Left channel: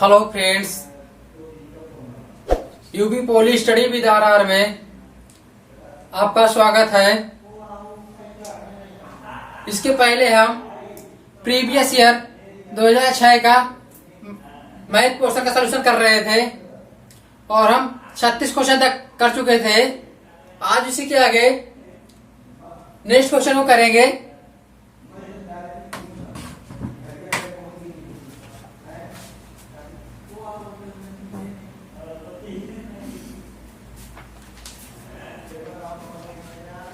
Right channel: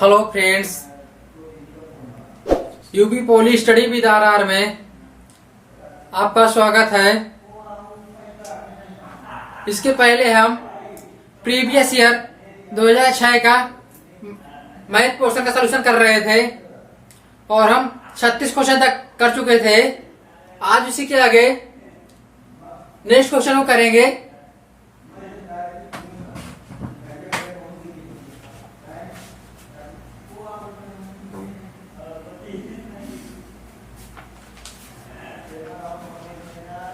Hello friends, UP poly study with R में आपका स्वागत है। इसके पहले हम प्रीवियस ईयर 2006 का मैथ पोर्शन का सलूशन कर रहे थे और हम 36 क्वेश्चन तक कर चुके थे। आज इसी के आगे नेक्स्ट क्वेश्चन को करेंगे।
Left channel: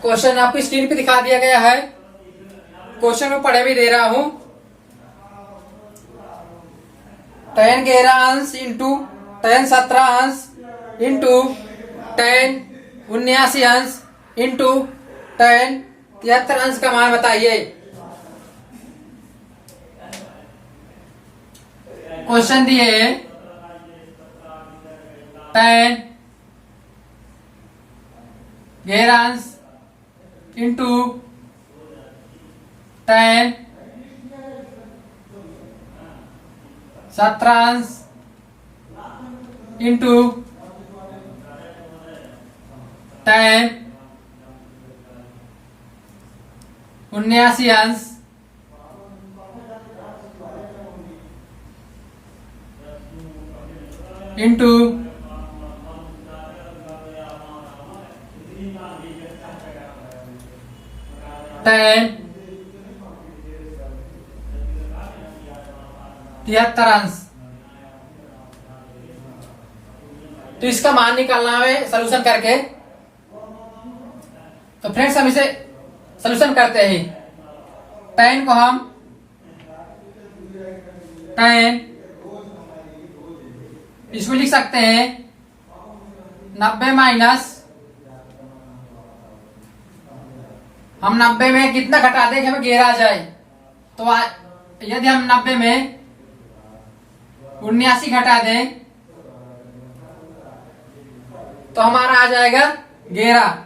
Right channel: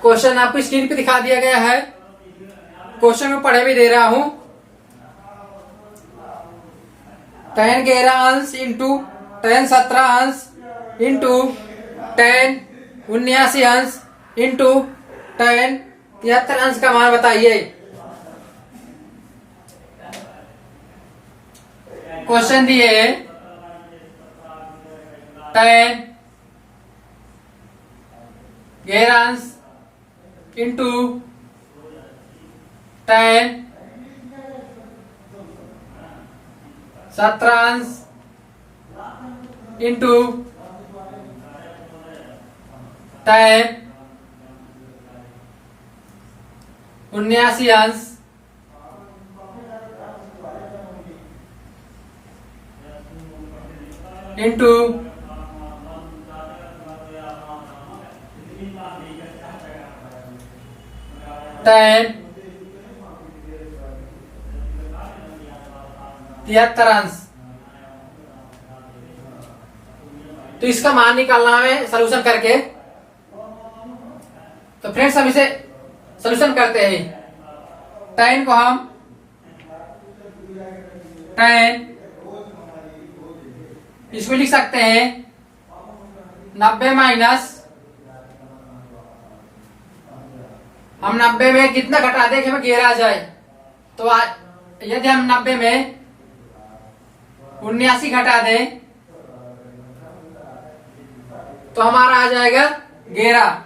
क्वेश्चन आपको स्क्रीन पे दिखा दिया गया है। क्वेश्चन को पढ़े भी दे रहा हूं। 10 11 अंश इंटू 10 17 अंश इंटू 10 79 अंश इंटू 10 73 अंश का मान बताइए। क्वेश्चन दिए 10 11 अंश इंटू 10 17 अंश इंटू 10 79 अंश इंटू 10 73 अंश। तो इसका मान निकालना है सलूशन करके। तो फ्रेंड्स हम इसे सलूशन करते हैं। 10 को हम 10 इसमें लिख सकते हैं 90 माइनस, हम 90 में कितना घटा दें कि हमें 11 आ जाए। तो यदि हम 90 में 79 घटा दें तो हमारा आ जाएगा 11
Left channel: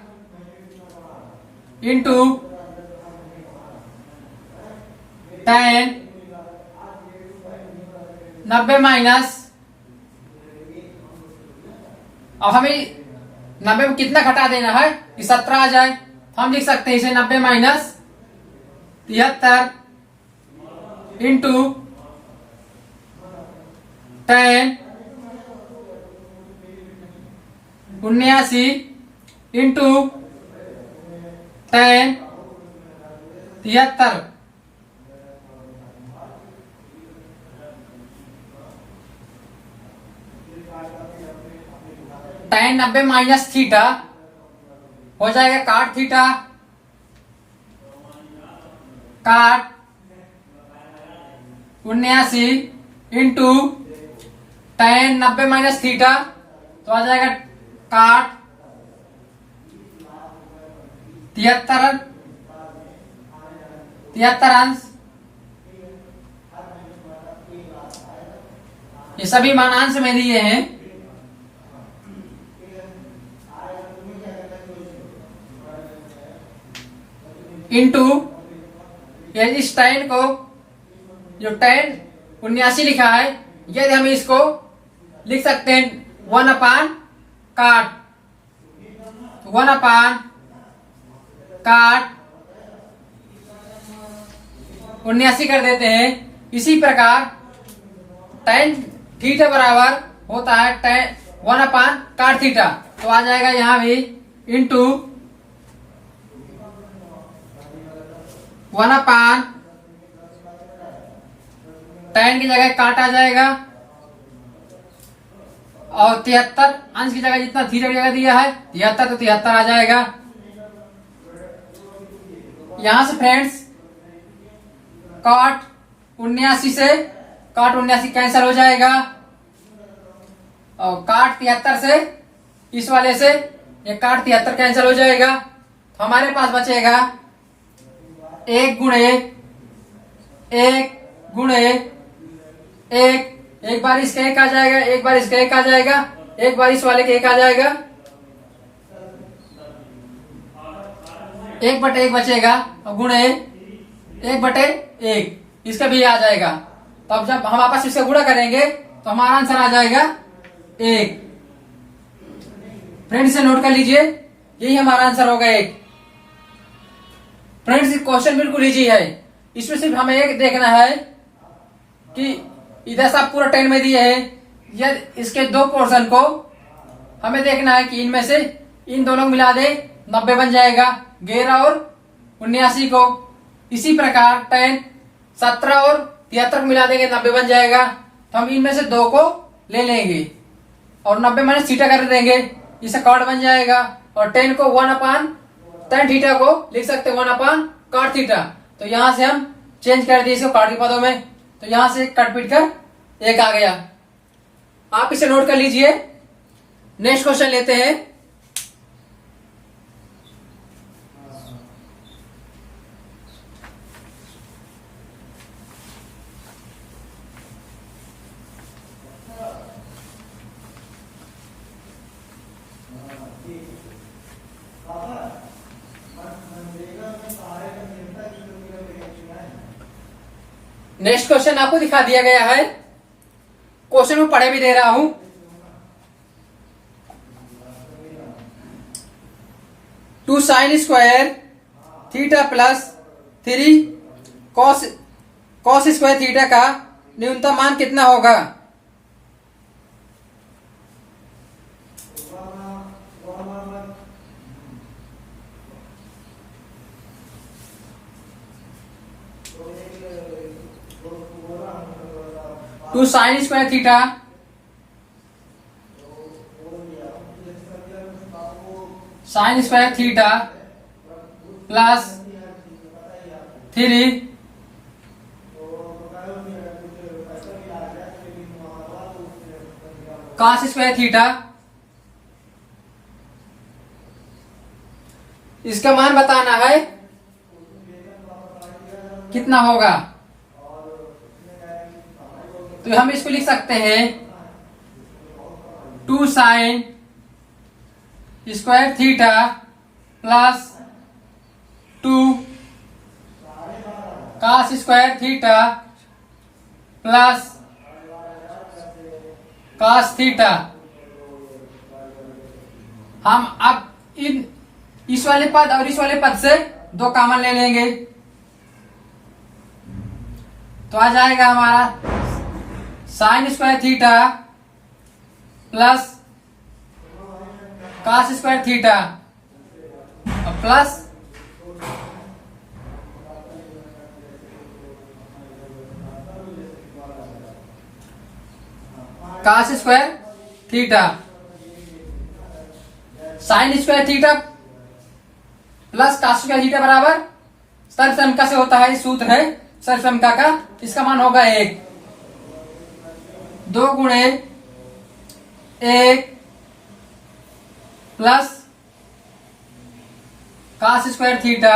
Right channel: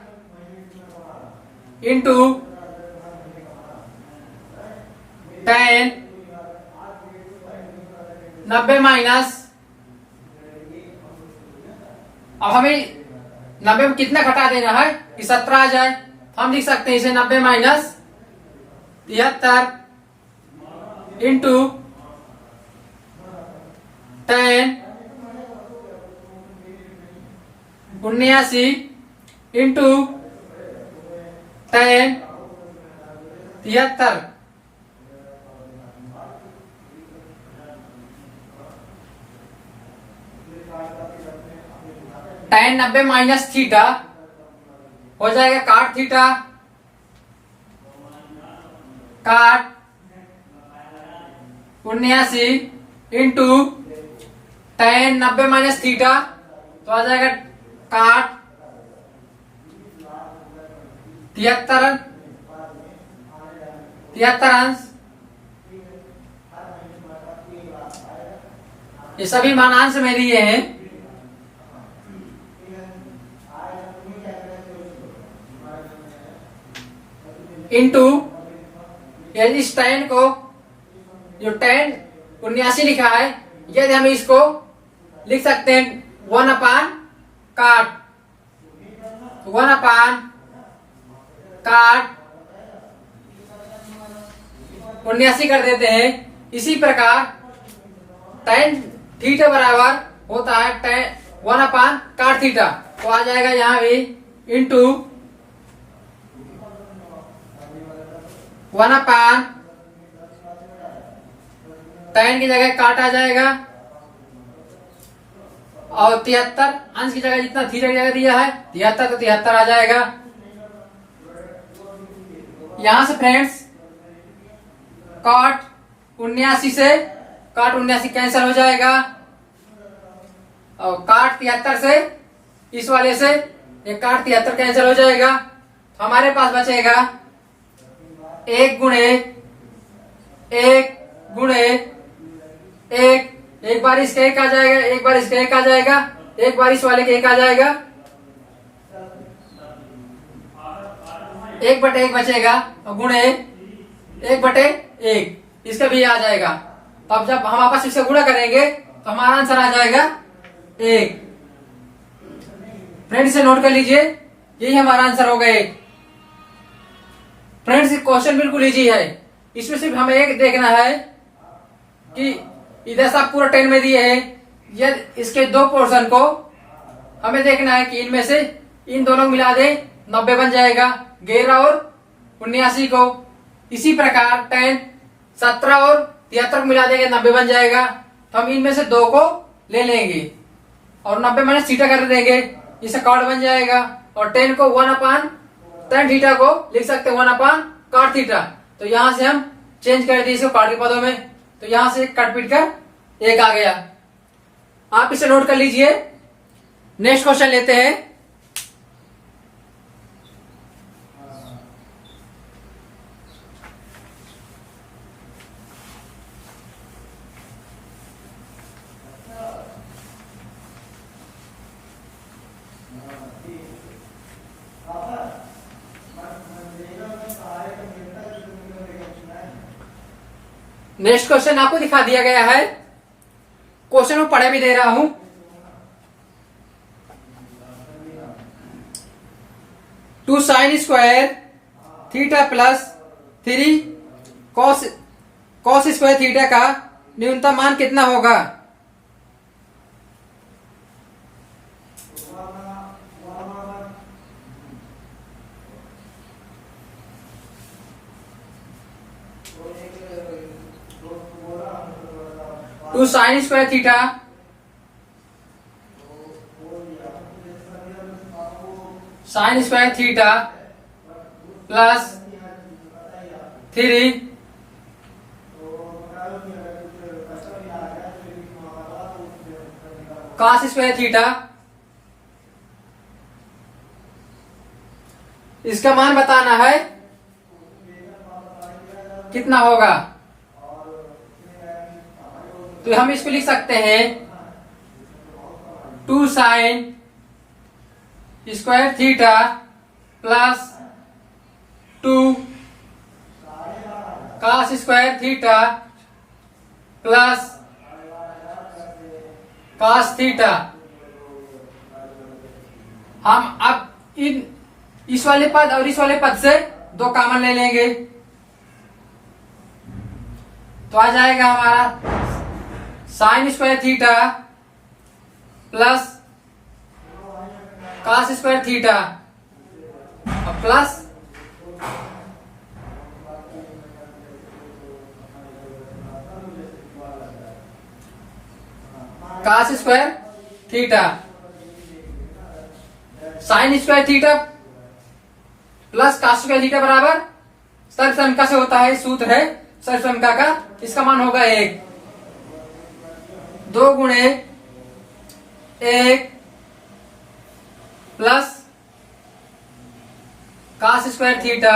इंटू 10 90 माइनस, अब हमें 90 में कितना घटा देना है कि 17 आ जाए। तो हम लिख सकते हैं इसे 90 minus 73 into 10 79 into 10 73। tan 90 minus theta हो जाएगा काट थीटा, काट 79 इंटू tan 90 माइनस थीटा, तो आ जाएगा काट 73 अंश। ये सभी मान अंश में लिए हैं। इंटू इस tan को, जो tan 79 लिखा है, यदि हम इसको लिख सकते हैं 1 अपान काट 1 अपान काट 79 कर देते हैं। इसी प्रकार tan थीटा बराबर होता है tan 1 अपान काट थीटा, तो आ जाएगा यहां भी इंटू 1 अपान tan की जगह काट आ जाएगा और 73 अंश की जगह जितना थीटा की जगह दिया है 73, तो 73 आ जाएगा। यहां से फ्रेंड्स काट 79 से काट 79 कैंसिल हो जाएगा और काट 73 से इस वाले से ये काट 73 कैंसिल हो जाएगा। तो हमारे पास बचेगा 1 गुणे 1 गुणे 1, एक बार इसका 1 आ जाएगा, एक बार इसका 1 आ जाएगा, एक बार इस वाले के 1 आ जाएगा, 1/1 बचेगा और गुणे 1/1 इसका भी आ जाएगा। तो अब जब हम आपस इससे गुणा करेंगे तो हमारा आंसर आ जाएगा 1। फ्रेंड्स इसे नोट कर लीजिए, यही हमारा आंसर होगा 1। फ्रेंड्स क्वेश्चन बिल्कुल इजी है, इसमें सिर्फ हमें एक देखना है कि इधर से पूरा 10 में दिए है, यदि इसके दो पोर्शन को हमें देखना है कि इनमें से इन दोनों को मिला दे 90 बन जाएगा, 11 और 79 को। इसी प्रकार 10 17 और 73 को मिला देंगे 90 बन जाएगा। तो हम इनमें से 2 को ले लेंगे और 90 माइनस थीटा कर देंगे, इससे कॉट बन जाएगा। और 10 को 1/tan थीटा को लिख सकते 1/cot थीटा। तो यहां से हम चेंज कर दिए इसको कॉट के पदों में, तो यहां से कट पीट कर 1 आ गया। आप इसे नोट कर लीजिए। नेक्स्ट क्वेश्चन लेते हैं। नेक्स्ट क्वेश्चन आपको दिखा दिया गया है, क्वेश्चन में पढ़े भी दे रहा हूं। 2 sin square theta plus 3 cos square theta का न्यूनतम मान कितना होगा? Two sine square theta sine square theta plus 3 cos square theta, इसका मान बताना है कितना होगा। तो हम इसको लिख सकते हैं 2 sin square theta plus 2 cos square theta plus cos theta. हम अब इस वाले पद और इस वाले पद से 2 कॉमन ले लेंगे, तो आ जाएगा हमारा sine square theta plus cos square theta और plus cos square theta. Sine square theta plus cos square theta बराबर सर्वसम्मिका से होता है, सूत्र है सर्वसम्मिका का। इसका मान होगा 1। 2 गुणे 1 प्लस cos स्क्वायर थीटा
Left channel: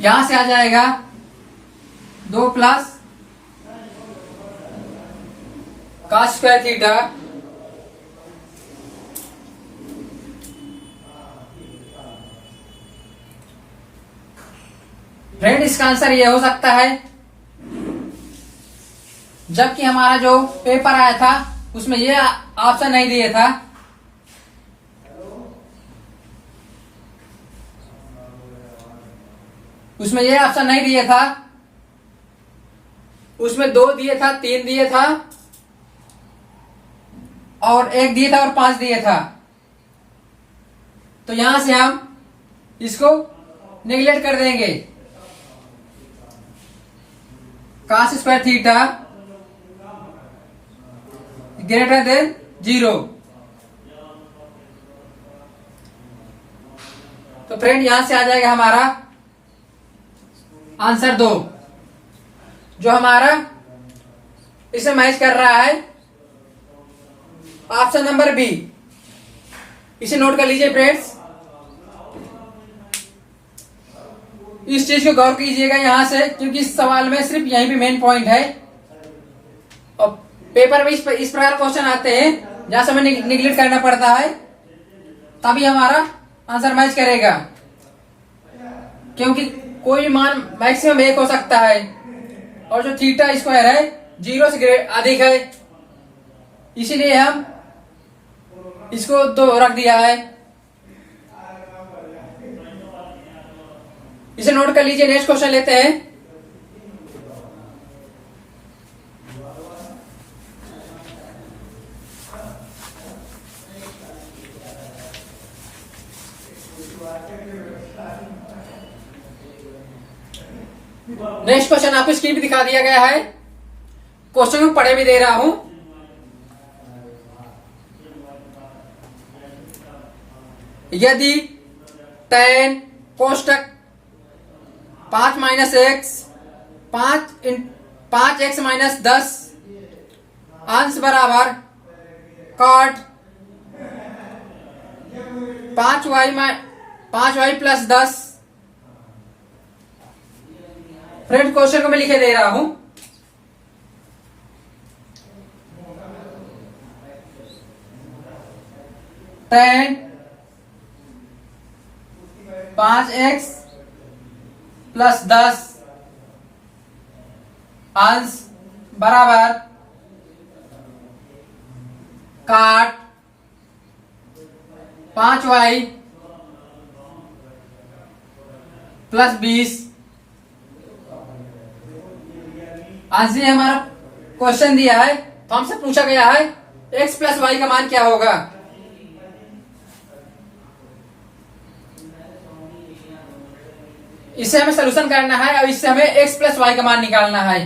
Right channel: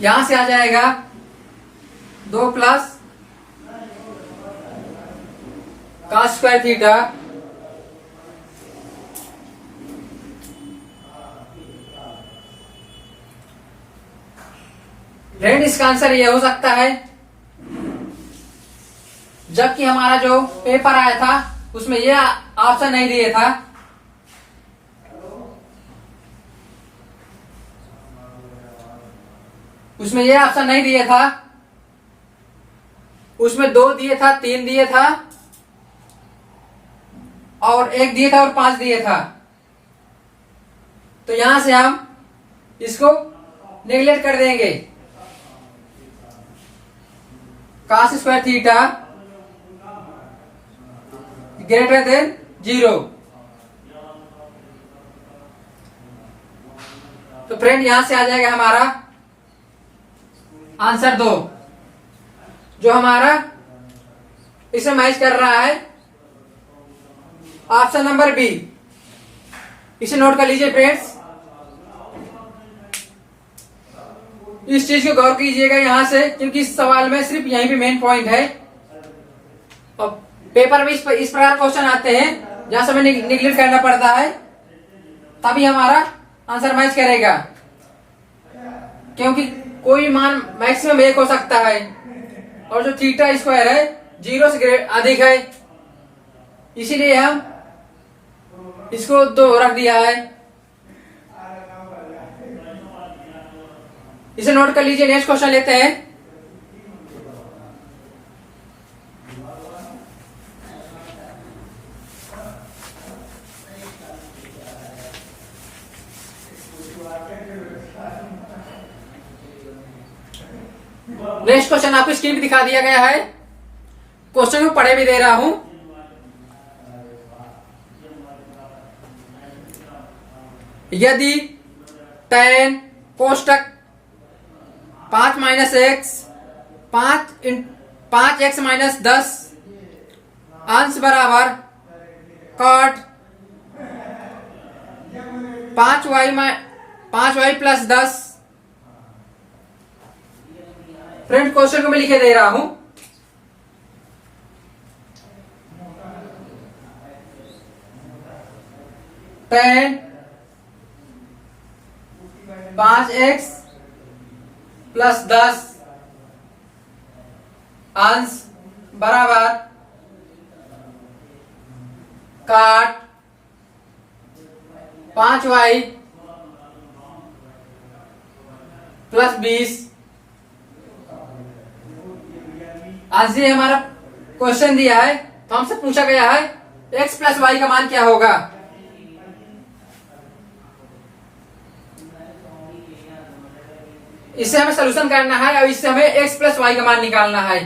यहां से आ जाएगा 2 plus cos square theta friend इसका आंसर ये हो सकता है, जबकि हमारा जो पेपर आया था उसमें ये ऑप्शन नहीं दिए था। उसमें ये ऑप्शन नहीं दिए था, उसमें 2 दिए था, 3 दिए था और 1 दिए था और 5 दिए था। तो यहां से हम इसको नेग्लेक्ट कर देंगे। cos square theta greater than 0। तो फ्रेंड यहां से आ जाएगा हमारा आंसर 2, जो हमारा इसे मैच कर रहा है ऑप्शन नंबर बी। इसे नोट कर लीजिए फ्रेंड्स, इस चीज को गौर कीजिएगा यहां से, क्योंकि इस सवाल में सिर्फ यहीं पे मेन पॉइंट है। और पेपर में इस प्रकार क्वेश्चन आते हैं जहां से हमें निगलेक्ट करना पड़ता है, तभी हमारा आंसर मैच करेगा। क्योंकि कोई मान मैक्सिमम 1 हो सकता है, और जो थीटा स्क्वायर है 0 से अधिक है, इसीलिए हम इसको 2 रख दिया है। इसे नोट कर लीजिए। नेक्स्ट क्वेश्चन लेते हैं। नेक्स्ट क्वेश्चन आपको स्क्रीन पे दिखा दिया गया है। क्वेश्चन में पढ़े भी दे रहा हूं। यदि tan कोष्टक 5 minus x 5x minus 10 अंश बराबर cot 5y plus 10। Friend question को मैं लिखे दे रहा हूं। tan 5x प्लस 10 अंश बराबर काट 5y प्लस 20। आंसर ये हमारा क्वेश्चन दिया है, तो हमसे पूछा गया है x प्लस वाई का मान क्या होगा। इससे हमें सलूशन करना है और इससे हमें x प्लस वाई का मान निकालना है।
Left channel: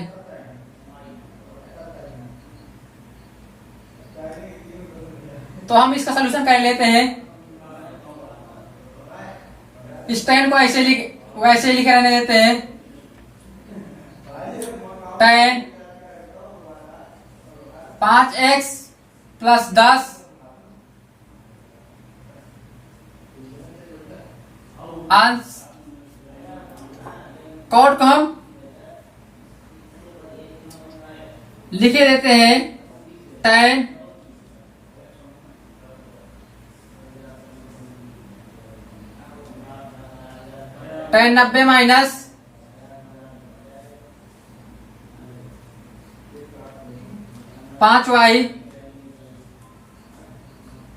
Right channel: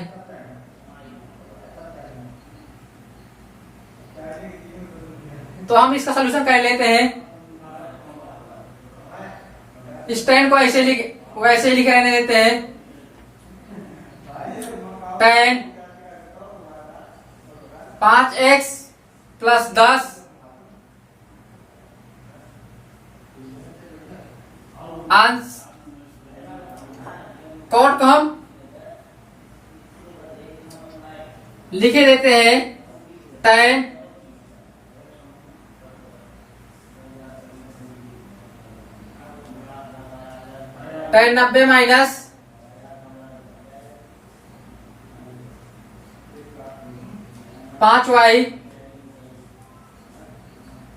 तो हम इसका सलूशन कर लेते हैं। इस tan को वैसे लिखे रहने देते हैं। tan 5x प्लस 10 अंश कॉट को हम लिखे देते हैं tan 90 माइनस 5y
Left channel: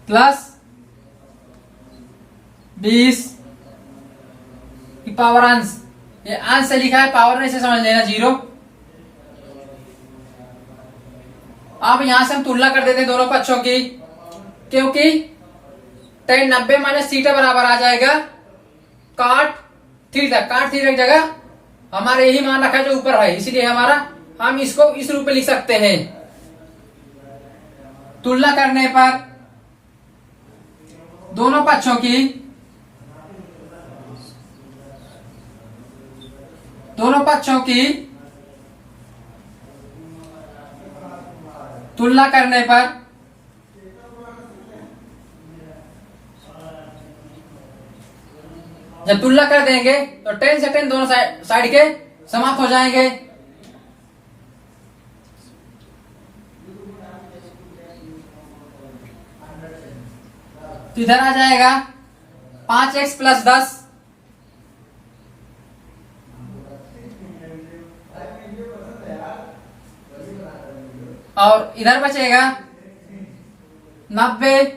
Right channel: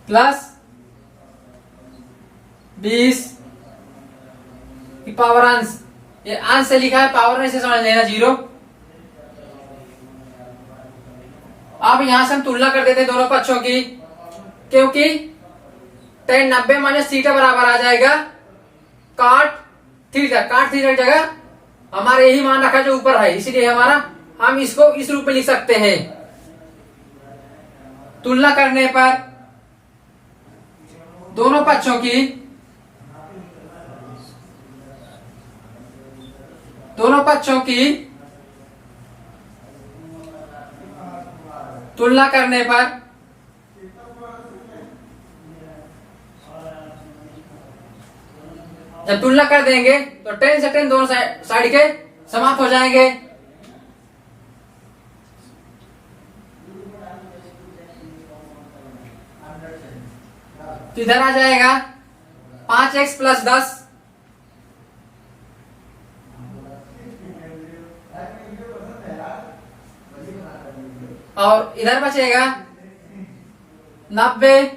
प्लस 20 की पावर अंश। ये अंश से लिखा है, पावर में से समझ लेना 0। अब यहां से हम तुलना कर देते हैं दोनों पक्षों की, क्योंकि tan 90 माइनस थीटा बराबर आ जाएगा काट थीटा। काट थीटा की जगह हमारा यही मान रखा जो ऊपर है, इसीलिए हम इसको इस रूप में लिख सकते हैं। तुलना करने पर दोनों पक्षों की तुलना करने पर जब तुलना कर देंगे तो tan से tan दोनों साइड के समाप्त हो जाएंगे। तो इधर आ जाएगा 5x प्लस 10 और इधर बचेगा 90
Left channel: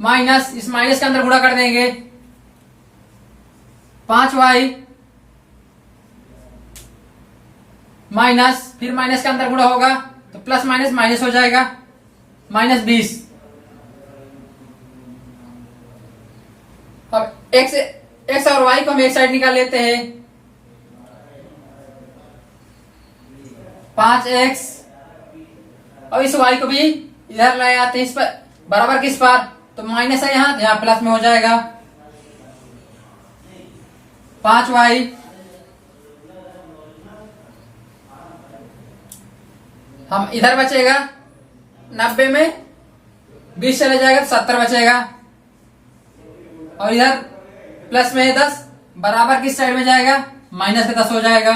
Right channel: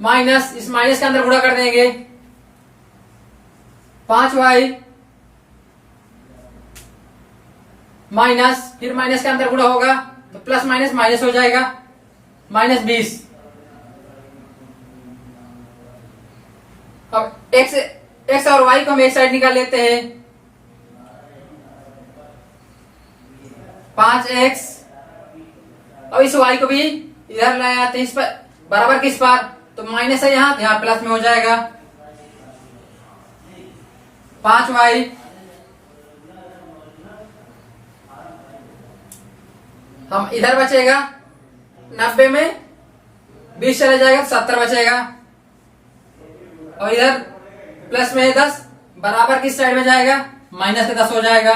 माइनस, इस माइनस के अंदर गुणा कर देंगे 5y माइनस, फिर माइनस के अंदर गुणा होगा तो प्लस माइनस माइनस हो जाएगा माइनस 20। अब x और y को हम एक साइड निकाल लेते हैं। 5x और इस y को भी इधर लाए आते हैं, इस पर बराबर किस पर, तो माइनस है यहाँ प्लस में हो जाएगा 5y हम इधर बचेगा 90 में 20 चला जाएगा तो 70 बचेगा, और इधर प्लस में 10 बराबर किस साइड में जाएगा, माइनस के 10 हो जाएगा।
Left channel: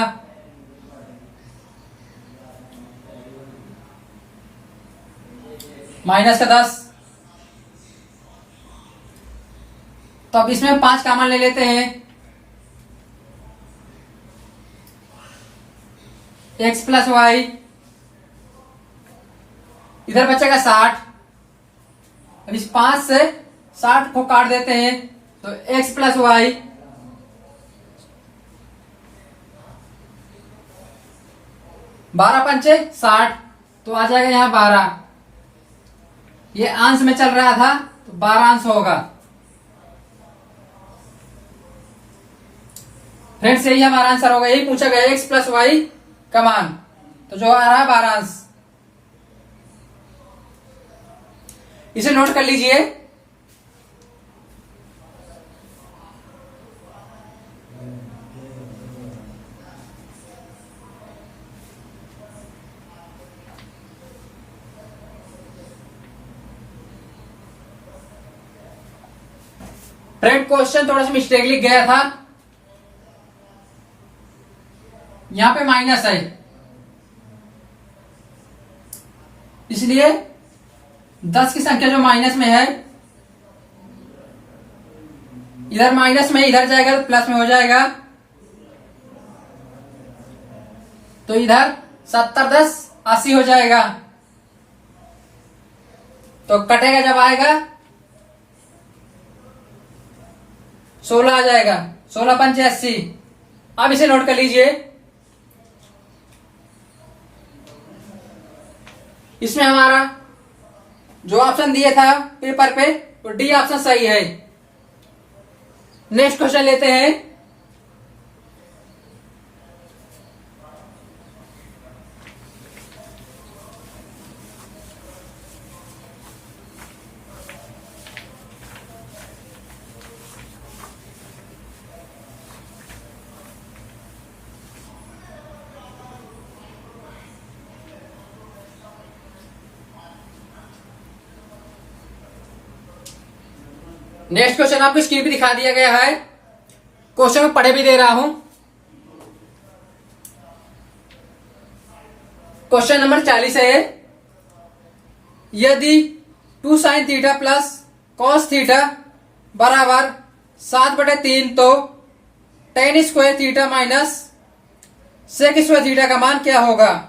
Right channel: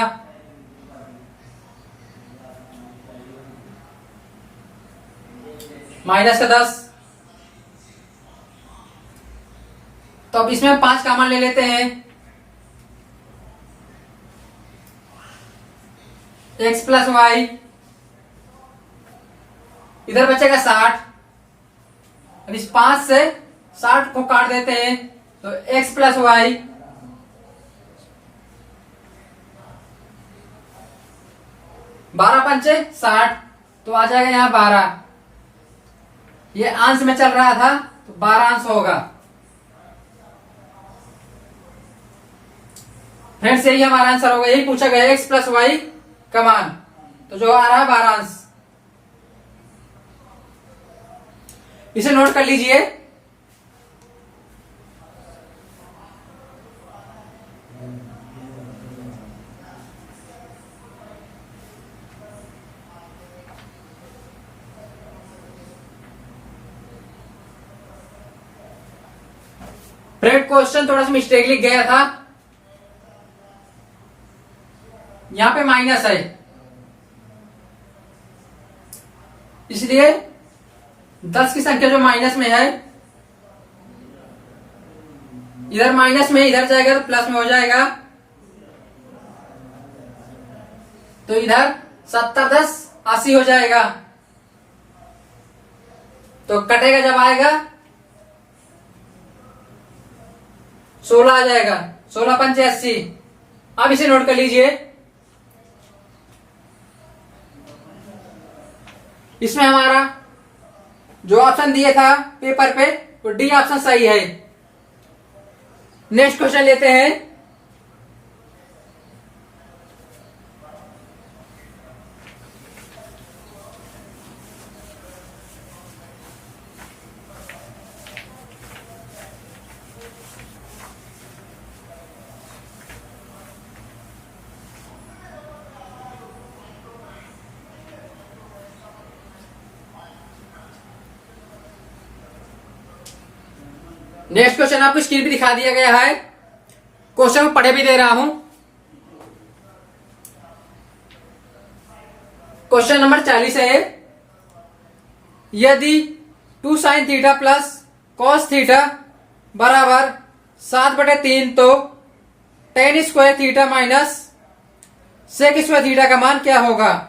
माइनस का 10, तो अब इसमें 5 कॉमन ले लेते हैं। एक्स प्लस वाई, इधर बचेगा 60। अब इस 5 से 60 को काट देते हैं तो एक्स प्लस वाई 12 पंचे 60, तो आ जाएगा यहां 12। ये अंश में चल रहा था तो 12 अंश होगा। फ्रेंड्स यही हमारा आंसर होगा, यही पूछा गया एक्स प्लस वाई का मान, तो जो आ रहा है 12 अंश। इसे नोट कर लीजिए। फ्रेंड क्वेश्चन थोड़ा सा मिस्टेक लिख गया था, यहां पे माइनस है, इसलिए 10 की संख्या जो माइनस में है, इधर माइनस में इधर जाएगा तो प्लस में हो जाएगा, तो इधर 70 10 80 हो जाएगा। तो कटेगा जब आएगा 16 आ जाएगा, 16 पंचे 80। अब इसे नोट कर लीजिए। इसमें हमारा जो ऑप्शन दिया था पेपर पे वो डी ऑप्शन सही है। नेक्स्ट क्वेश्चन लेते हैं। नेक्स्ट क्वेश्चन आपको स्क्रीन पे दिखा दिया गया है, क्वेश्चन में पढ़े भी दे रहा हूं। क्वेश्चन नंबर 40 है, यदि 2 sine theta plus cos theta बराबर 7/3 तो tan square theta minus sec square theta का मान क्या होगा?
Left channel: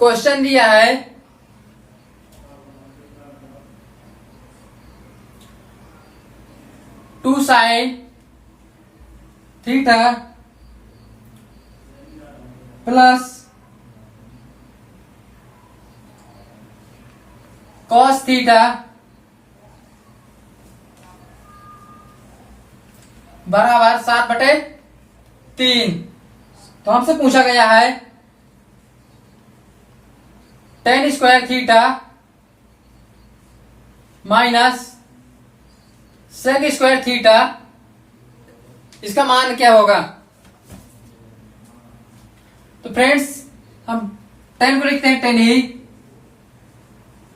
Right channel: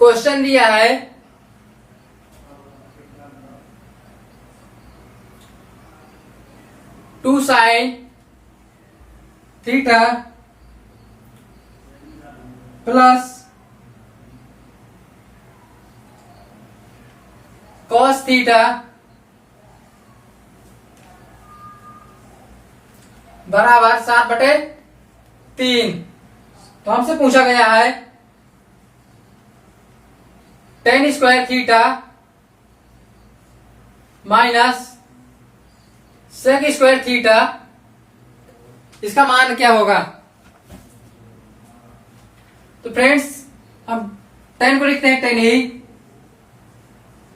क्वेश्चन दिया है 2 sine theta plus cos theta बराबर 7/3। तो हमसे पूछा गया है tan square theta minus sec square theta, इसका मान क्या होगा? तो फ्रेंड्स हम tan को लिखते हैं tan ही,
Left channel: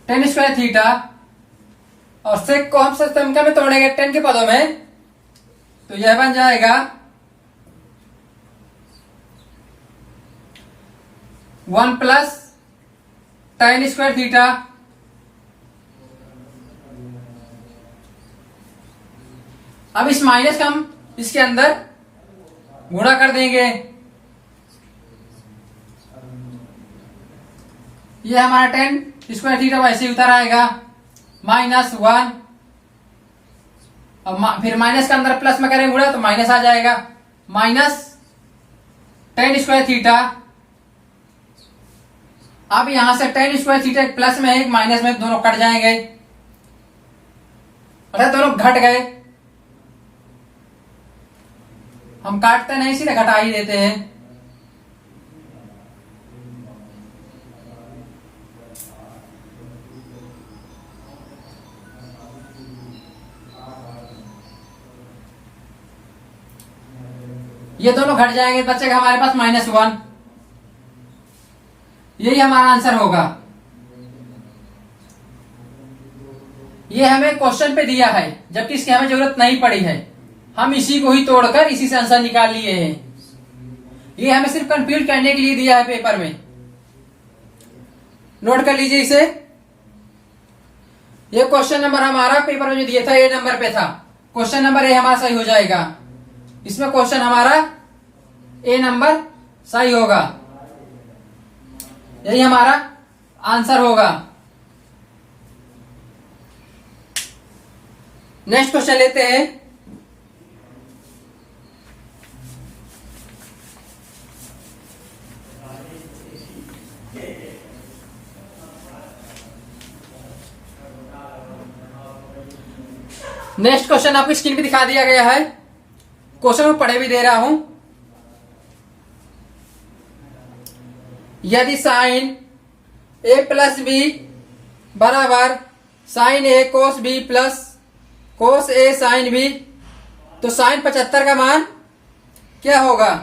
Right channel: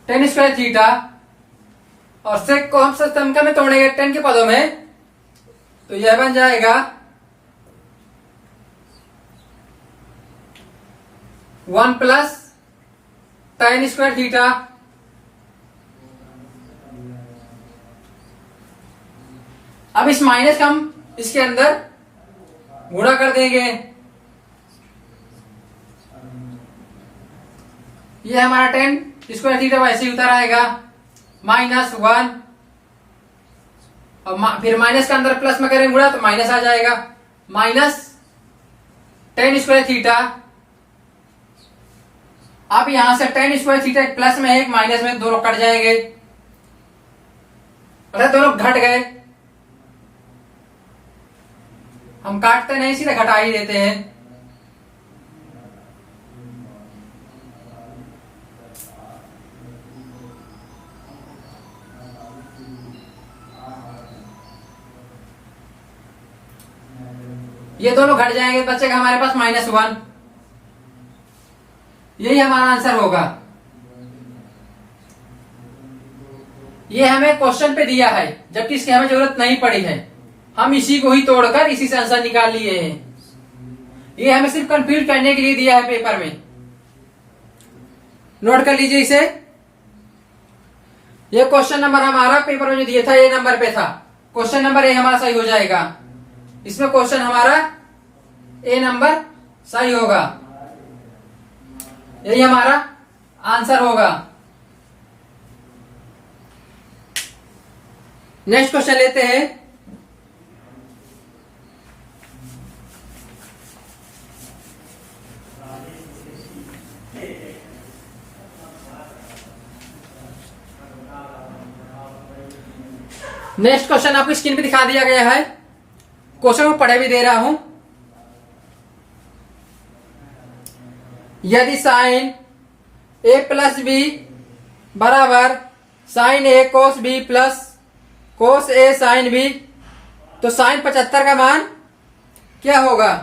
tan स्क्वायर थीटा, और सेक को हम समीकरण में तोड़ेंगे tan के पदों में, तो यह बन जाएगा 1 प्लस tan स्क्वायर थीटा अब इस माइनस का हम इसके अंदर गुणा कर देंगे। ये हमारा tan स्क्वायर थीटा वैसे ही उतर आएगा -1, और फिर माइनस के अंदर प्लस में करेंगे गुणा तो माइनस आ जाएगा, माइनस tan स्क्वायर थीटा। अब यहां से tan स्क्वायर थीटा एक प्लस में है एक माइनस में, दोनों कट जाएंगे, अर्थात दोनों घट गए। हम काटते नहीं, सीधे घटा ही देते हैं। ये दोनों घट जाएंगे, बचेगा हमारे पास -1। यही हमारा आंसर होगा। ये हमें क्वेश्चन पे दिया है, जबकि इसकी हमें जरूरत नहीं पड़ी है। हम इसी को ही तोड़कर इसी से आंसर निकाल लिए हैं। ये हमें सिर्फ कंफ्यूज करने के लिए दिया है पेपर में। नोट कर लीजिए इसे। ये क्वेश्चन नंबर हमारा पेपर में जो दिया था ए नंबर पे था। क्वेश्चन नंबर ए हमारा सही हो जाएगा। इसमें क्वेश्चन हमारा ए नंबर सही होगा, यही हमारा आंसर होगा। नेक्स्ट क्वेश्चन लेते हैं। नेक्स्ट क्वेश्चन आपकी स्क्रीन पे दिखा दिया गया है। क्वेश्चन को पढ़े भी दे रहा हूं। यदि साइन ए प्लस बी बराबर साइन ए कोस बी प्लस कोस ए साइन बी, तो साइन 75 का मान क्या होगा?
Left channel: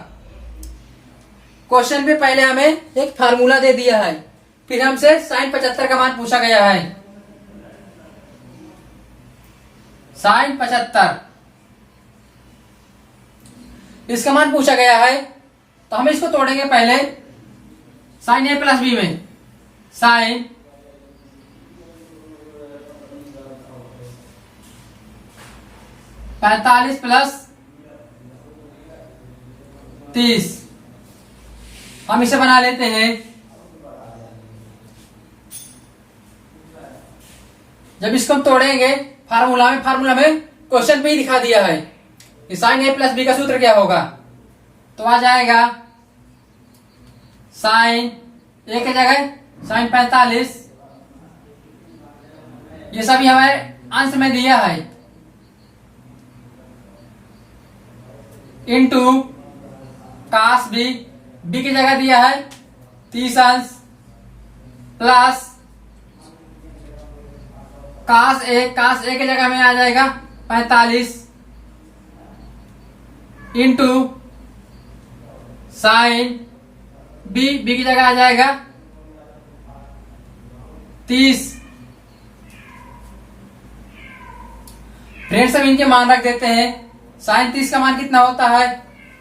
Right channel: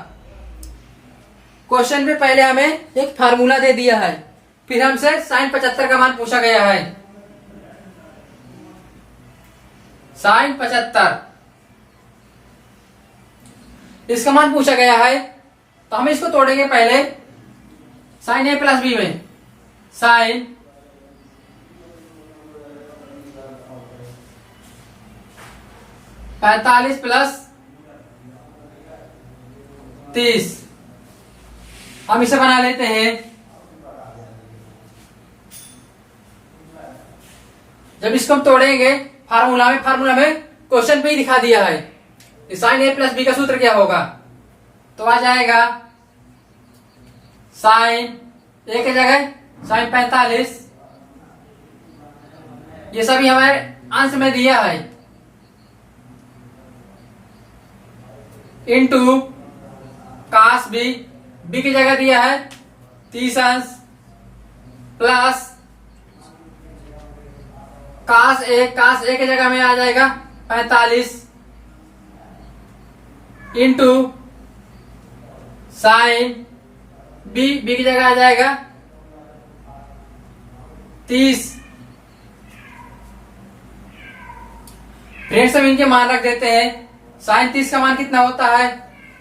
क्वेश्चन में पहले हमें एक फार्मूला दे दिया है, फिर हमसे साइन 75 का मान पूछा गया है। साइन 75 इसका मान पूछा गया है, तो हम इसको तोड़ेंगे पहले साइन ए प्लस बी में। साइन 45 प्लस 30, हम इसे बना लेते हैं। जब इसको हम तोड़ेंगे फार्मूला में क्वेश्चन पे ही दिखा दिया है साइन ए प्लस बी का सूत्र क्या होगा, तो आ जाएगा साइन ए की जगह साइन 45, ये सभी हमारे अंश में दिया है, इनटू कास बी, बी की जगह दिया है 30 अंश, प्लस कास ए की जगह में आ जाएगा 45, इंटू साइन बी की जगह आ जाएगा 30। फ्रेंड्स, हम इनके मान रख देते हैं। साइन 30 का मान कितना होता है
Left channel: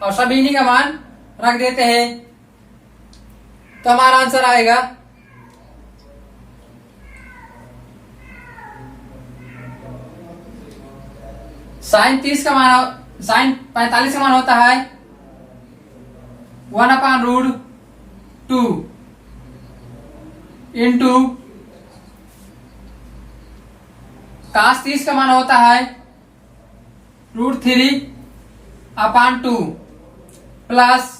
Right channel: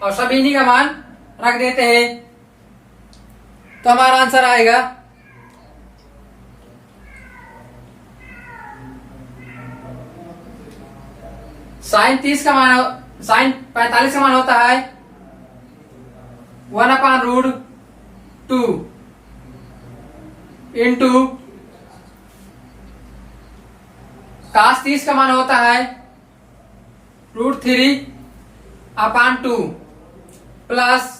और सभी इन्हीं का मान रख देते हैं, तो हमारा आंसर आएगा साइन 30 का मान, साइन 45 का मान होता है 1/√2 इंटू कास 30 का मान होता है √3/2 प्लस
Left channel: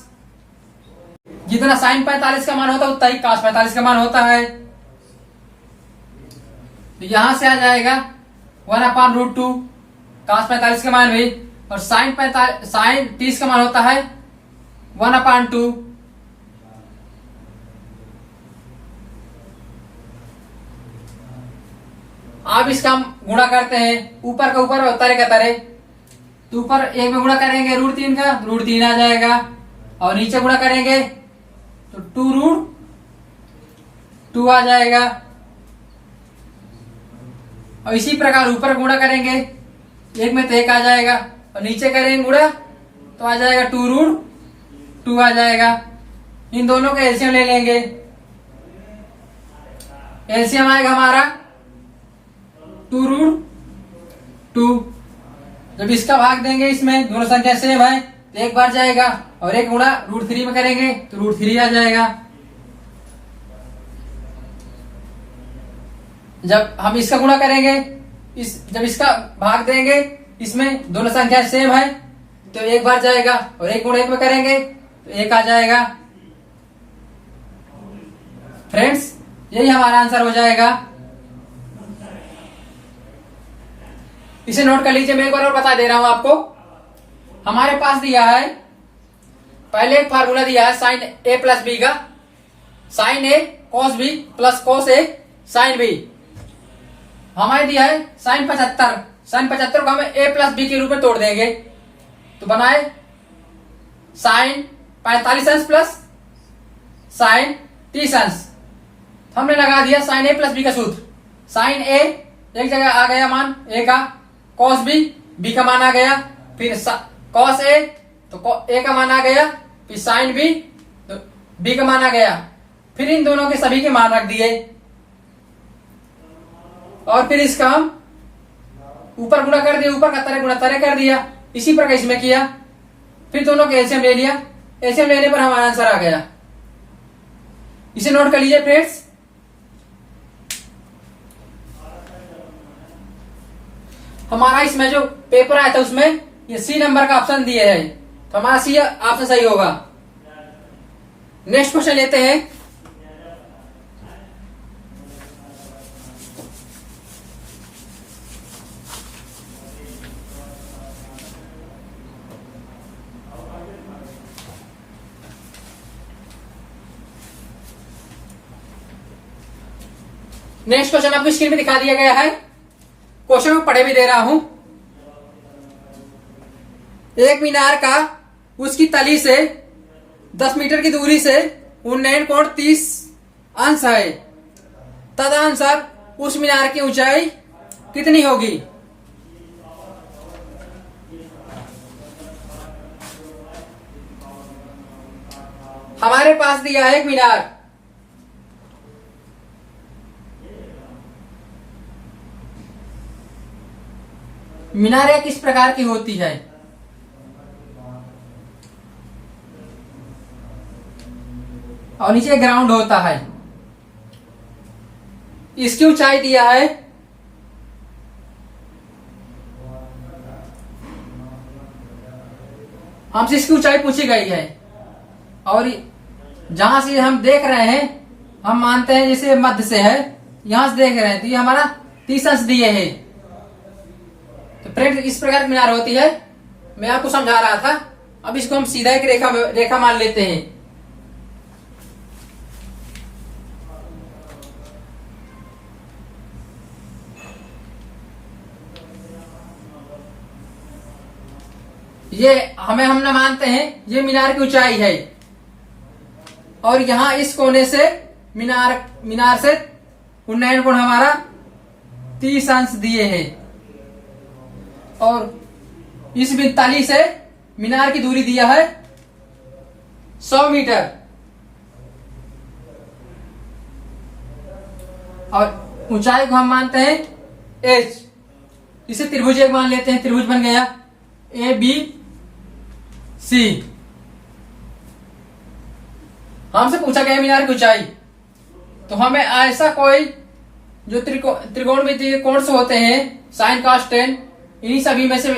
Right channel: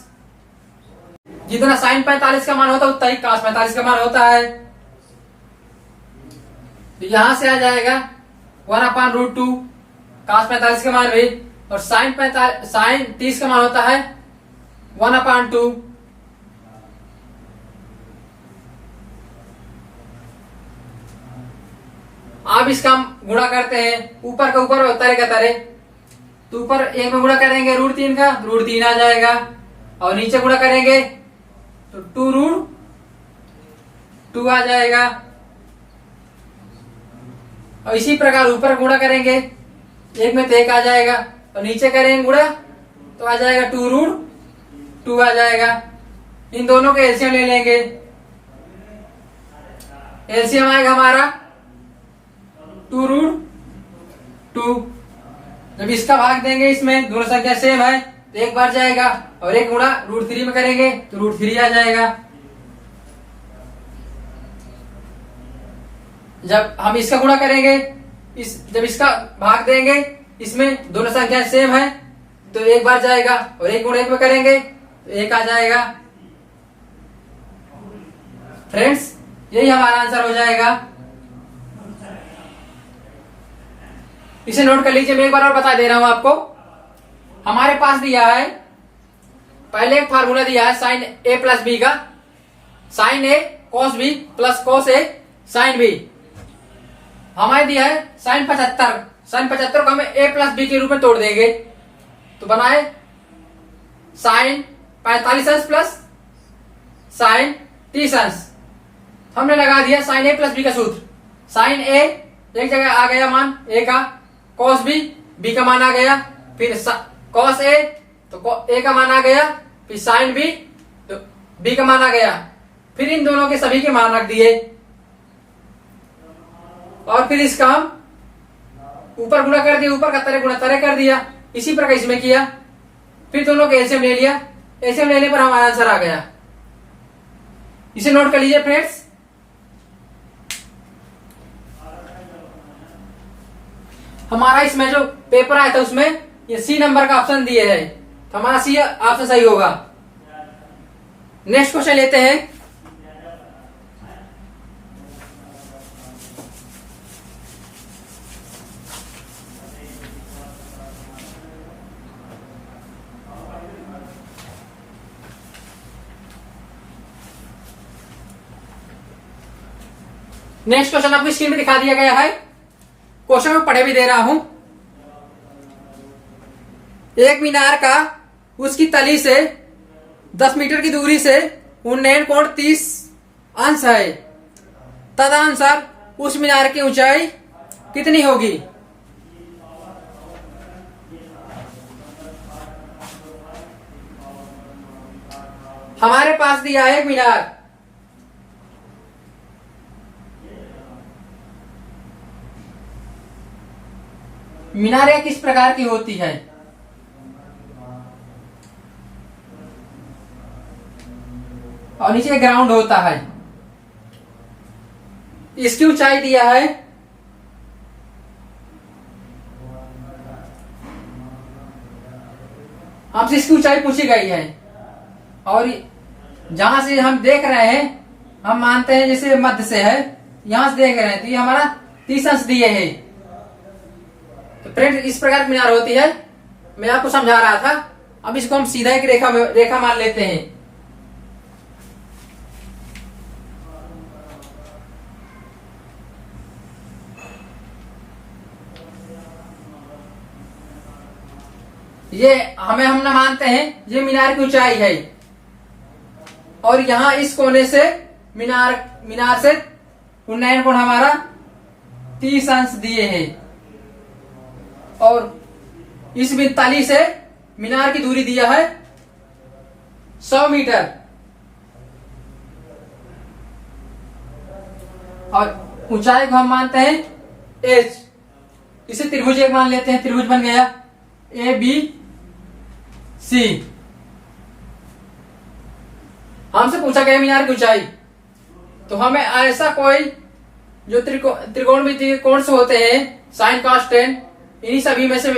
जितना साइन 45 का मान होता है उतना ही कास 45 का मान होता है, तो यहां से आ जाएगा 1/√2 कास 45 का मान भी, और साइन 30 का मान होता है 1/2। अब इसका हम गुणा करते हैं, ऊपर का ऊपर और तरे का तरे, तो ऊपर एक में गुणा करेंगे √3 का, √3 आ जाएगा, और नीचे गुणा करेंगे तो 2√2 आ जाएगा, और इसी प्रकार ऊपर गुणा करेंगे एक में तो 1 आ जाएगा, और नीचे करेंगे गुणा तो आ जाएगा 2√2 आ जाएगा। इन दोनों के एलसीएम ले लेंगे। एलसीएम आएगा हमारा 2√2। जब इसका भाग देंगे इसमें, दोनों संख्या सेम है तो एक बार जाएगा, और एक गुणा √3 में करेंगे तो √3 आ जाएगा। जब हम इसका गुणा करेंगे, जब इसका भाग देंगे इसमें, दोनों संख्या सेम है तो एक बार जाएगा, और एक गुणा एक में करेंगे तो 1 आ जाएगा। फ्रेंड्स, यही हमारा आंसर हो जाएगा। इसे नोट कर लीजिए। मैं एक बार और बता दे रहा हूं आपको। हमारे पास दिया है, पहले एक फार्मूला दिया है साइन ए प्लस बी का, sign A cos B plus cos A sine B. हमारे दिया है साइन 75, साइन 75 को हमें ए प्लस बी के रूप में तोड़ देंगे, तो बनाए साइन 45 अंश प्लस साइन 30 अंश। हमने लगा दिया साइन ए प्लस बी का सूत्र। साइन ए एक जगह आ गया मान ए का, कॉस बी का मान आ गया, फिर कॉस ए, तो ए का मान आ गया, फिर साइन बी, तो बी का मान आ गया। फिर इन दोनों के सभी के मान रख दिए और फिर इसका हम ऊपर गुणा कर दिया, ऊपर का तरह गुणा तरह कर दिया। इसी प्रकार इसमें किया, फिर दोनों के एलसीएम ले लिया। एलसीएम लेने पर हमारा आंसर आ गया। इसे नोट कर लीजिए फ्रेंड्स। हमारा इसमें जो पेपर आया था उसमें ये सी नंबर का ऑप्शन दिए है, तो हमारा सी ऑप्शन सही होगा। नेक्स्ट क्वेश्चन लेते हैं। नेक्स्ट क्वेश्चन आपको स्क्रीन में दिखा दिया गया है। क्वेश्चन में पढ़े भी दे रहा हूं। एक मीनार का उसकी तली से 10 मीटर की दूरी से 49.30 अंश है, तदनुसार उस मीनार की ऊंचाई कितनी होगी? हमारे पास दिया है एक मीनार। मीनारें किस प्रकार की होती है? और नीचे ग्राउंड होता है। इसकी ऊंचाई दिया है हमसे, इसकी ऊंचाई पूछी गई है और जहां से हम देख रहे हैं हम मानते हैं जैसे मध्य से है, यहां से देख रहे हैं तो ये हमारा 30 अंश दिए है। तो फ्रेंड इस प्रकार की मीनार होती है, मैं आपको समझा रहा था। अब इसको हम सीधा एक रेखा मान लेते हैं। ये हम ना मानते हैं ये मीनार की ऊंचाई है और यहां इस कोने से मीनार से उन्नयन कोण हमारा 30 अंश दिए हैं और इस तली से मीनार की दूरी दिया है 100 मीटर और ऊंचाई को हम मानते हैं h। इसे त्रिभुज एक मान लेते हैं। त्रिभुज बन गया ए बी सी। हमसे पूछा गया मीनार की ऊंचाई, तो हमें ऐसा कोई जो त्रिकोणमितीय कोण से होते हैं साइन कॉस टेन, इन्हीं सभी में से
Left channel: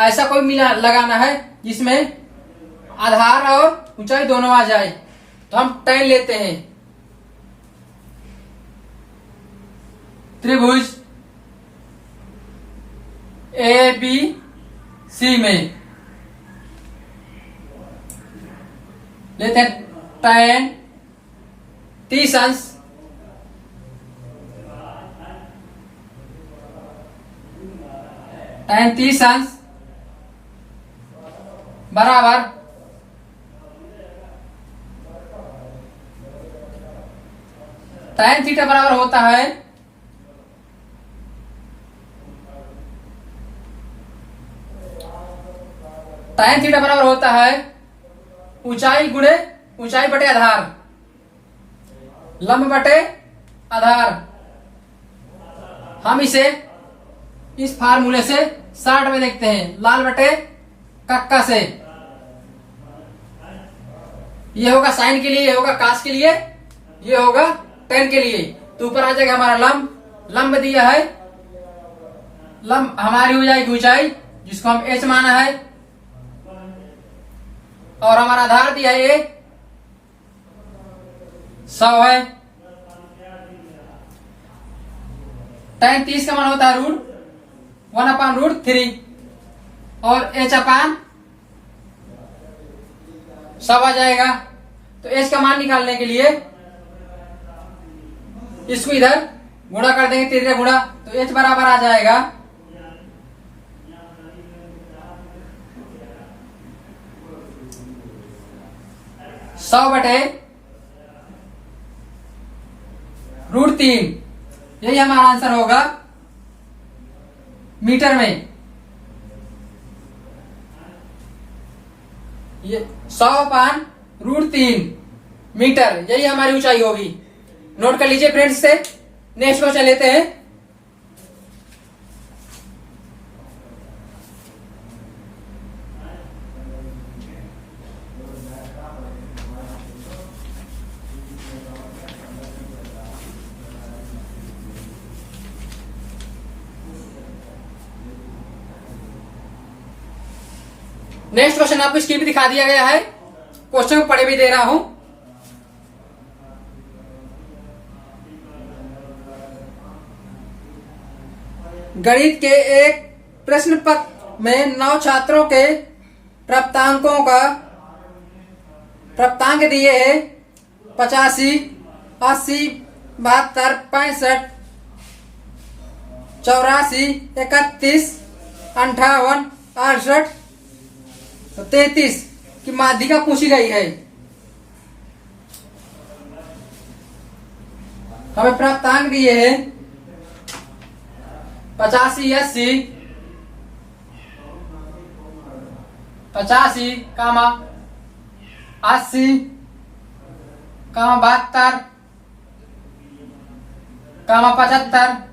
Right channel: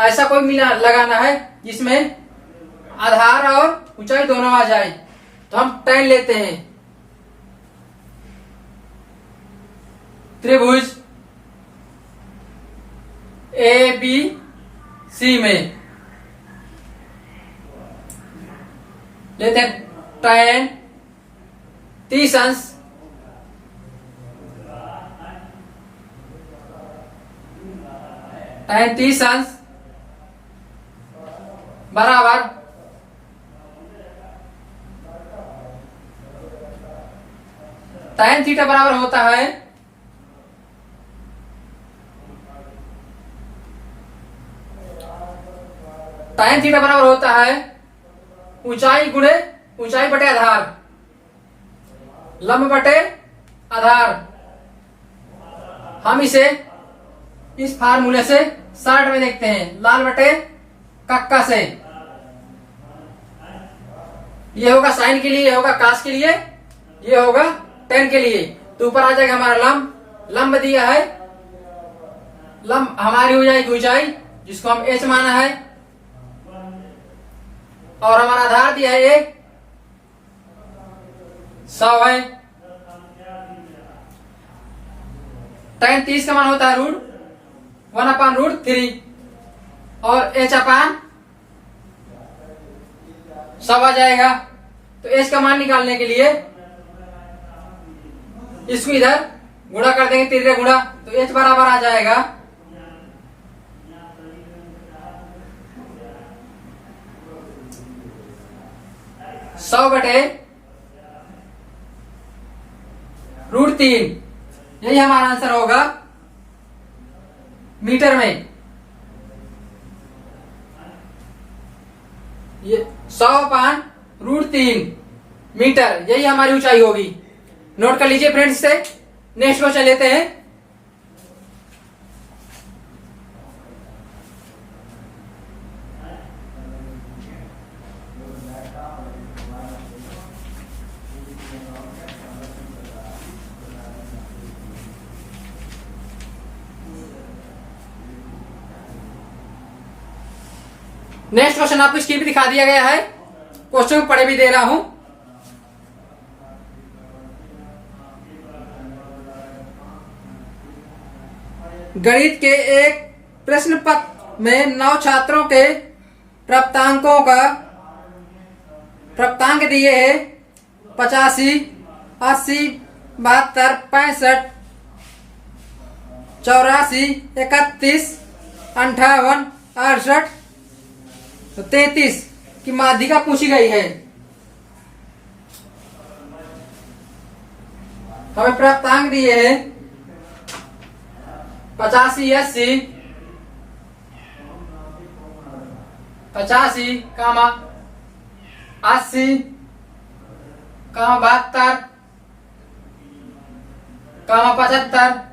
ऐसा कोई मीनार लगाना है जिसमें आधार और ऊंचाई दोनों आ जाए। तो हम टेन लेते हैं। त्रिभुज ए बी सी में लेते हैं टेन 30 अंश tan 30 अंश बराबर tan थीटा बराबर होता है tan थीटा बराबर होता है ऊंचाई गुणे ऊंचाई बटे आधार, लंब बटे आधार। हम इसे इस फार्मूले से 60 में देखते हैं, लाल बटे कक्का से। ये होगा साइन के लिए, ये होगा कास के लिए, ये होगा टेन के लिए। तो ऊपर आ जाएगा हमारा लंब। लंब दिया है, लंब हमारी हो जाएगी ऊंचाई जिसको हम h माना है और हमारा आधार दिया है ये 100 है। tan 30 का मान होता है √1/√3 और h अपान 100 आ जाएगा। तो h का मान निकालने के लिए इसको इधर गुणा कर देंगे, तिर्य गुणा, तो h बराबर आ जाएगा 100 बटे √3। यही हमारा आंसर होगा मीटर में। ये 100/√3 मीटर, यही हमारी ऊंचाई होगी। नोट कर लीजिए फ्रेंड्स। से नेक्स्ट क्वेश्चन लेते हैं। नेक्स्ट क्वेश्चन आपको स्क्रीन पे दिखा दिया गया है, क्वेश्चन को पढ़े भी दे रहा हूं। गणित के एक प्रश्न पत्र में 9 छात्रों के प्राप्तांकों का प्राप्तांक दिए है 85, 80, 72, 65, 84, 31, 58, 68 तो 33 की माध्यिका पूछी गई है। हमें प्राप्तांक दिए हैं 85, 80, 85, 80, 72, 75, 72, 65,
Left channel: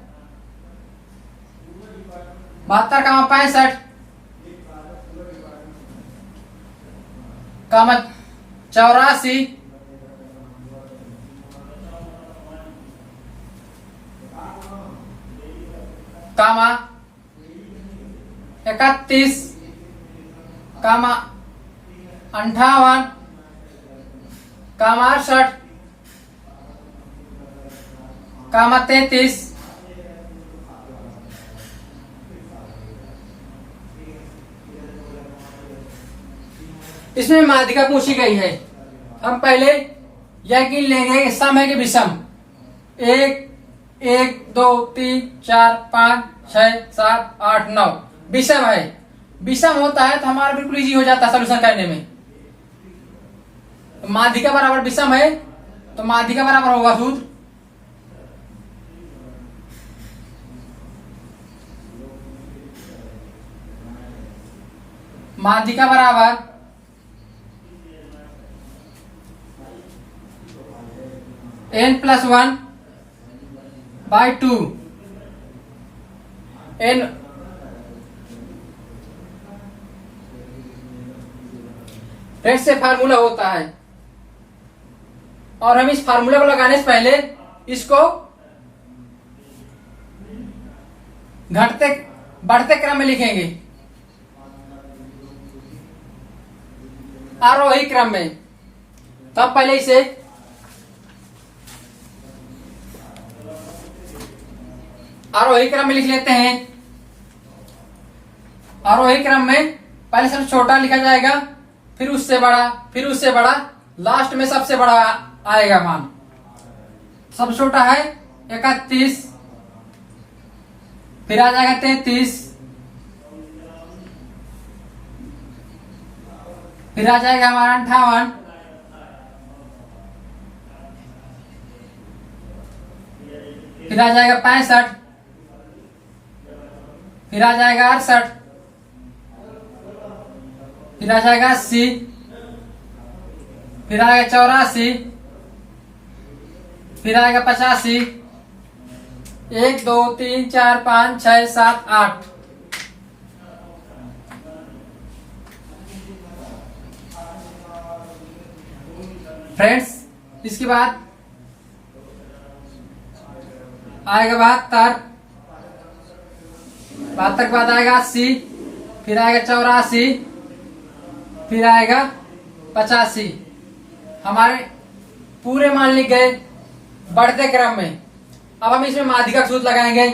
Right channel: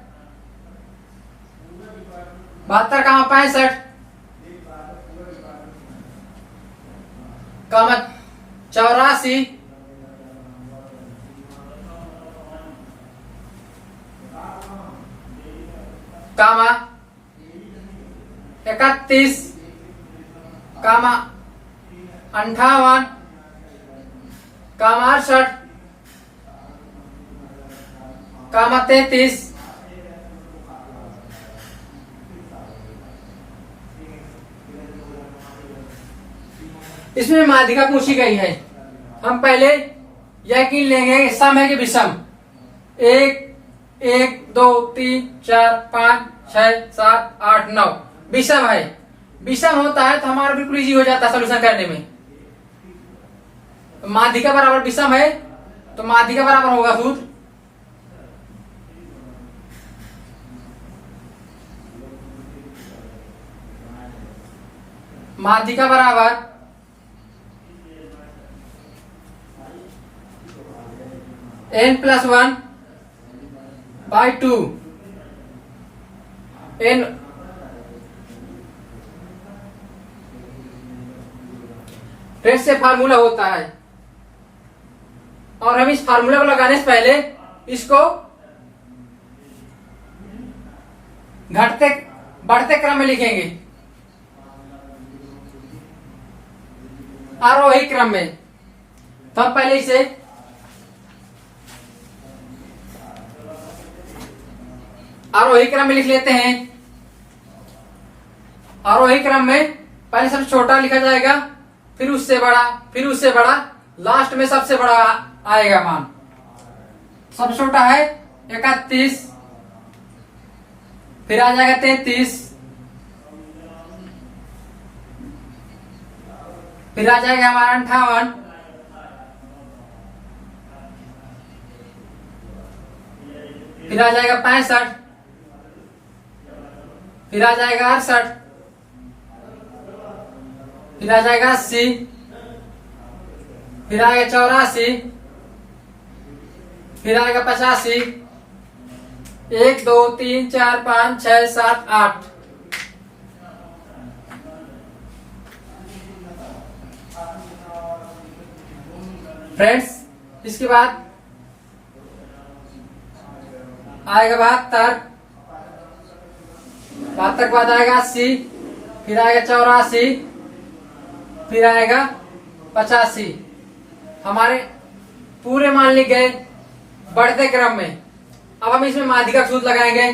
84, 31, 58, 68, 33 इसमें माध्यिका पूछी गई है। हम पहले यह गिन लेंगे सम है कि विषम। 1, 1, 2, 3, 4, 5, 6, 7, 8, 9 विषम है। विषम होता है तो हमारा बिल्कुल इजी हो जाता है सोल्यूशन करने में। तो माध्यिका बराबर विषम है तो माध्यिका बराबर होगा सूत्र माध्यिका बराबर n+1/2 n फ्रेंड्स से फार्मूला होता है और हम इस फार्मूला को लगाने से पहले इसको घटते बढ़ते क्रम में लिखेंगे, आरोही क्रम में। तब पहले इसे आरोही क्रम में लिख लेते हैं। आरोही क्रम में पहले सबसे छोटा लिखा जाएगा, फिर उससे बड़ा, फिर उससे बड़ा, लास्ट में सबसे बड़ा आएगा मान। सबसे छोटा है 31, फिर आ जाएगा 33, फिर आ जाएगा हमारा 58, फिर आ जाएगा 65, फिर आ जाएगा 68, फिर आ जाएगा 80, फिर आएगा 84, फिर आएगा 85, 1, 2, 3, 4, 5, 6, 7, 8 फ्रेंड्स। इसके बाद आएगा 72, 72 के बाद आएगा 80, फिर आएगा 84, फिर आएगा 85। हमारे पूरे मान लिख गए बढ़ते क्रम में। अब हम इसमें माध्यिका सूत्र लगाएंगे।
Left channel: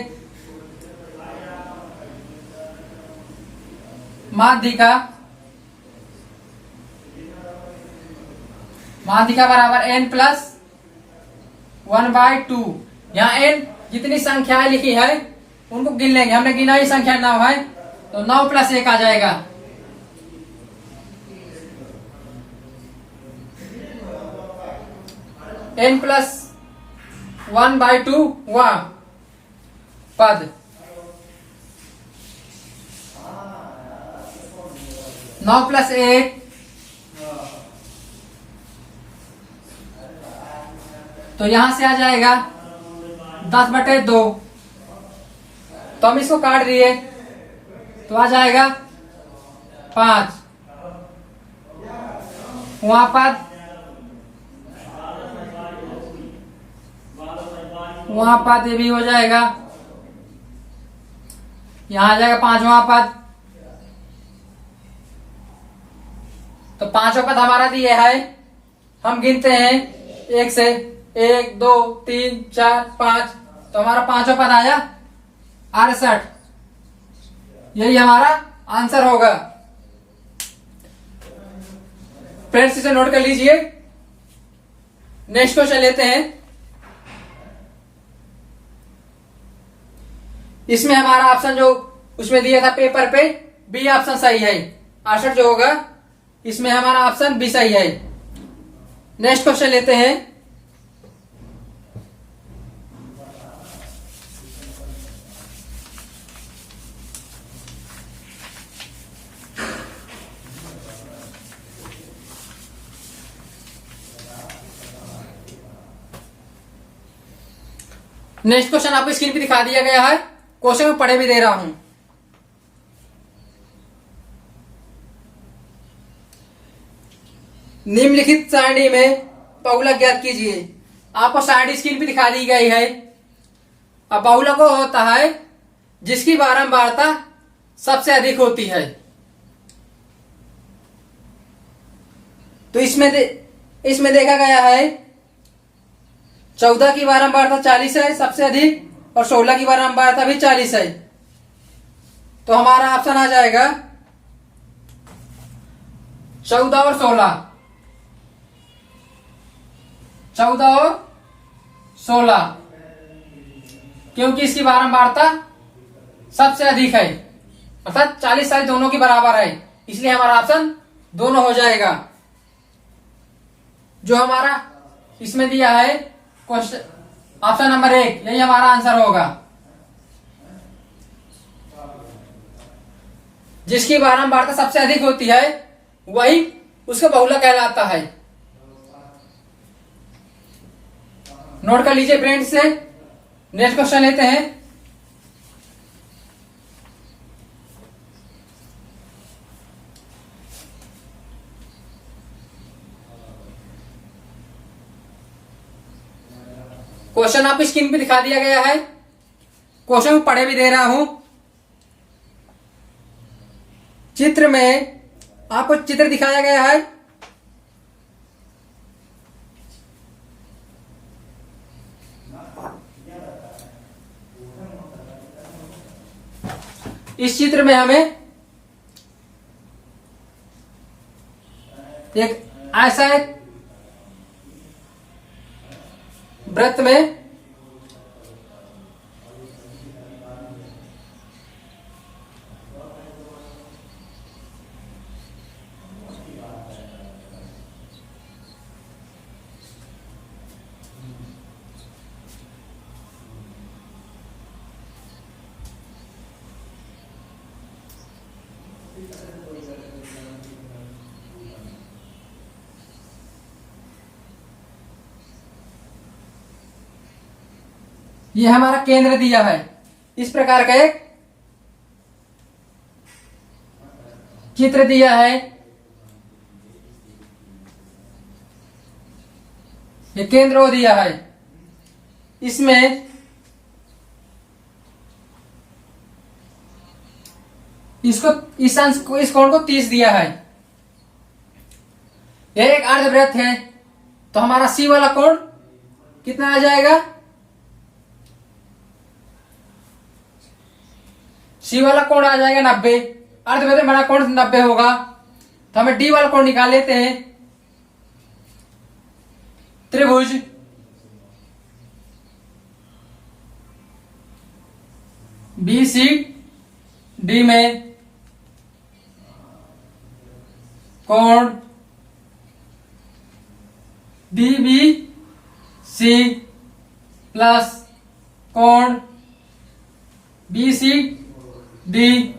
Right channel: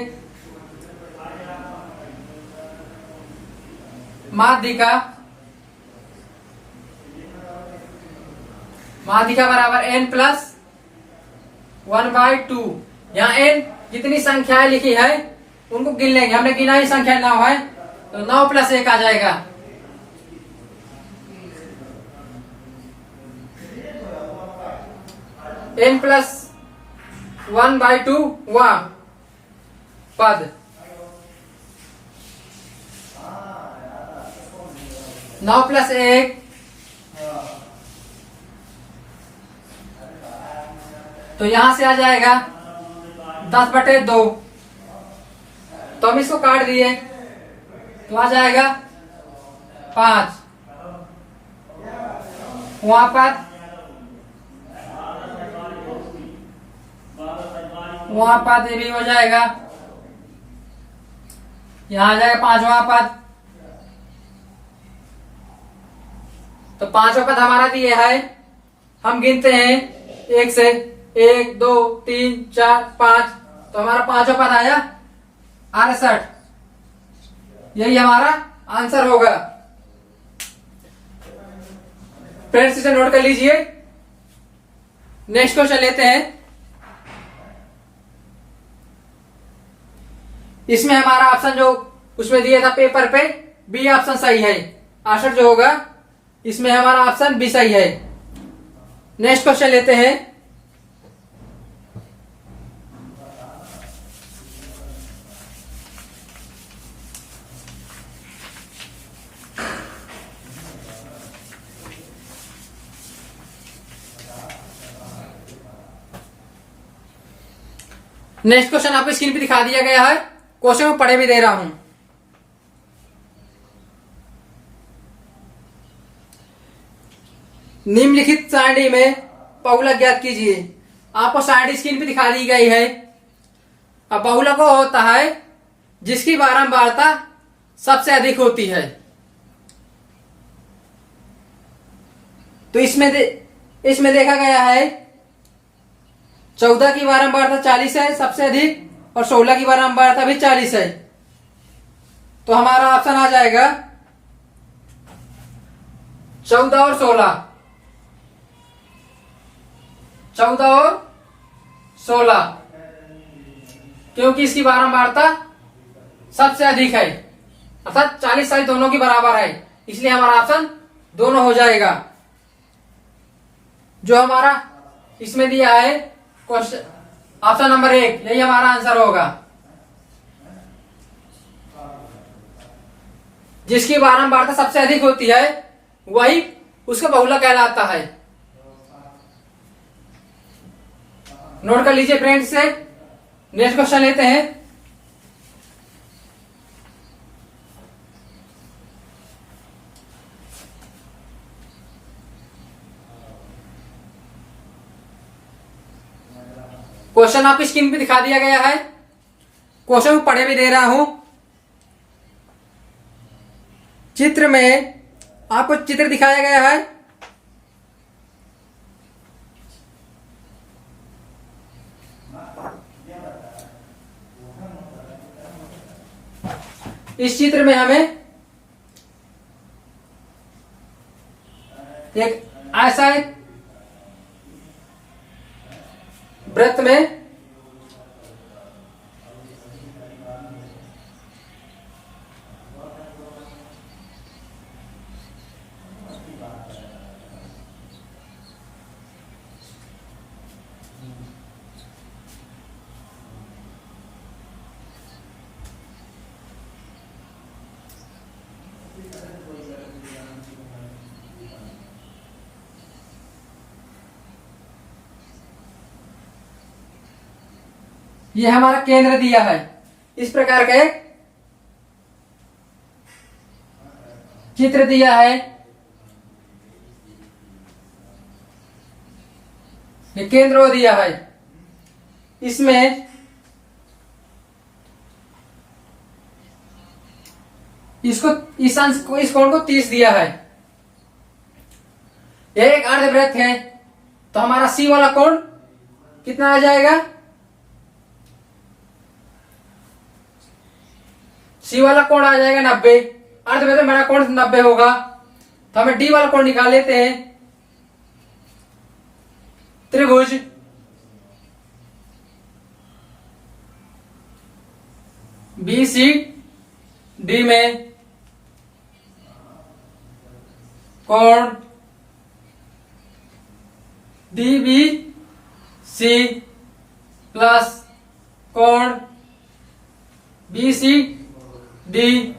माध्यिका बराबर n+1/2। यहाँ n जितनी संख्याएं लिखी है उनको गिन लेंगे। हमने गिना ही संख्या 9 है तो 9 + 1 आ जाएगा। n+1/2 वह पद 9 + 1 तो यहां से आ जाएगा 10/2। तो हम इसको काट दिए तो आ जाएगा 5। वहां पद ये भी हो जाएगा, यहां आ जाएगा 5वां पद। तो 5वां पद हमारा दिया है, हम गिनते हैं 1 से, 1 2 3 4 5। तो हमारा 5वां पद आया 68। यही हमारा आंसर होगा। फ्रेंड्स इसे नोट कर लीजिए। नेक्स्ट क्वेश्चन लेते हैं। इसमें हमारा ऑप्शन जो उसमें दिया था पेपर पे, बी ऑप्शन सही है। 68 जो होगा इसमें हमारा ऑप्शन बी सही है। नेक्स्ट क्वेश्चन लेते हैं। नेक्स्ट क्वेश्चन आपको स्क्रीन पे दिखा दिया गया है। क्वेश्चन में पढ़े भी दे रहा हूं। निम्नलिखित सारणी में बहुलक ज्ञात कीजिए। आपको सारणी स्क्रीन पे दिखा दी गई है। अब बहुलक वो होता है जिसकी बारंबारता सबसे अधिक होती है। तो इसमें देखा गया है 14 की बारंबारता 40 है सबसे अधिक, और 16 की बारंबारता भी 40 है। तो हमारा ऑप्शन आ जाएगा 14 और 16। 14 और 16, क्योंकि इसकी बारंबारता सबसे अधिक है, अर्थात 40 दोनों की बराबर है, इसलिए हमारा ऑप्शन दोनों हो जाएगा। जो हमारा इसमें दिया है क्वेश्चन ऑप्शन नंबर 1, यही हमारा आंसर होगा। जिसकी बारंबारता सबसे अधिक होती है वही उसका बहुलक कहलाता है। नोट कर लीजिए फ्रेंड्स से। नेक्स्ट क्वेश्चन लेते हैं। क्वेश्चन आपकी स्क्रीन पे दिखा दिया गया है। क्वेश्चन पढ़े भी दे रहा हूं। चित्र में आपको चित्र दिखाया गया है। इस चित्र में हमें एक ऐसा एक वृत्त में ये हमारा केंद्र दिया है। इस प्रकार का एक चित्र दिया है। ये केंद्र वो दिया है। इसमें इसको इस अंश को, इस कोण को 30 दिया है। यह एक अर्धवृत्त है, तो हमारा सी वाला कोण कितना आ जाएगा? सी वाला कोण आ जाएगा 90। अर्धवृत्त में बड़ा कोण 90 होगा। तो हमें डी वाला कोण निकाल लेते हैं। त्रिभुज बी सी डी में कोण डी बी सी प्लस कोण बी सी डी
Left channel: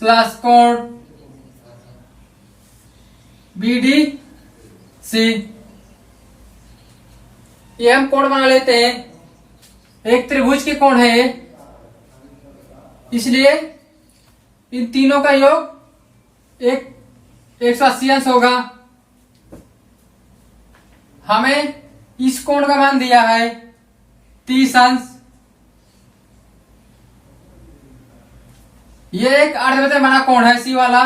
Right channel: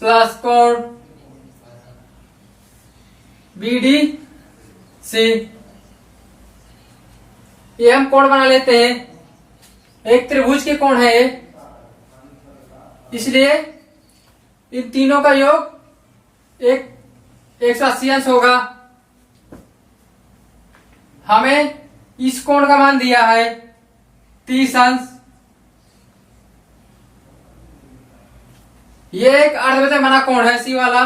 प्लस कोण बी डी सी ये हम कोण बना लेते हैं। एक त्रिभुज के कोण है, इसलिए इन तीनों का योग एक 180 अंश होगा। हमें इस कोण का मान दिया है 30 अंश। ये एक अर्धवृत्त बना कोण है सी वाला।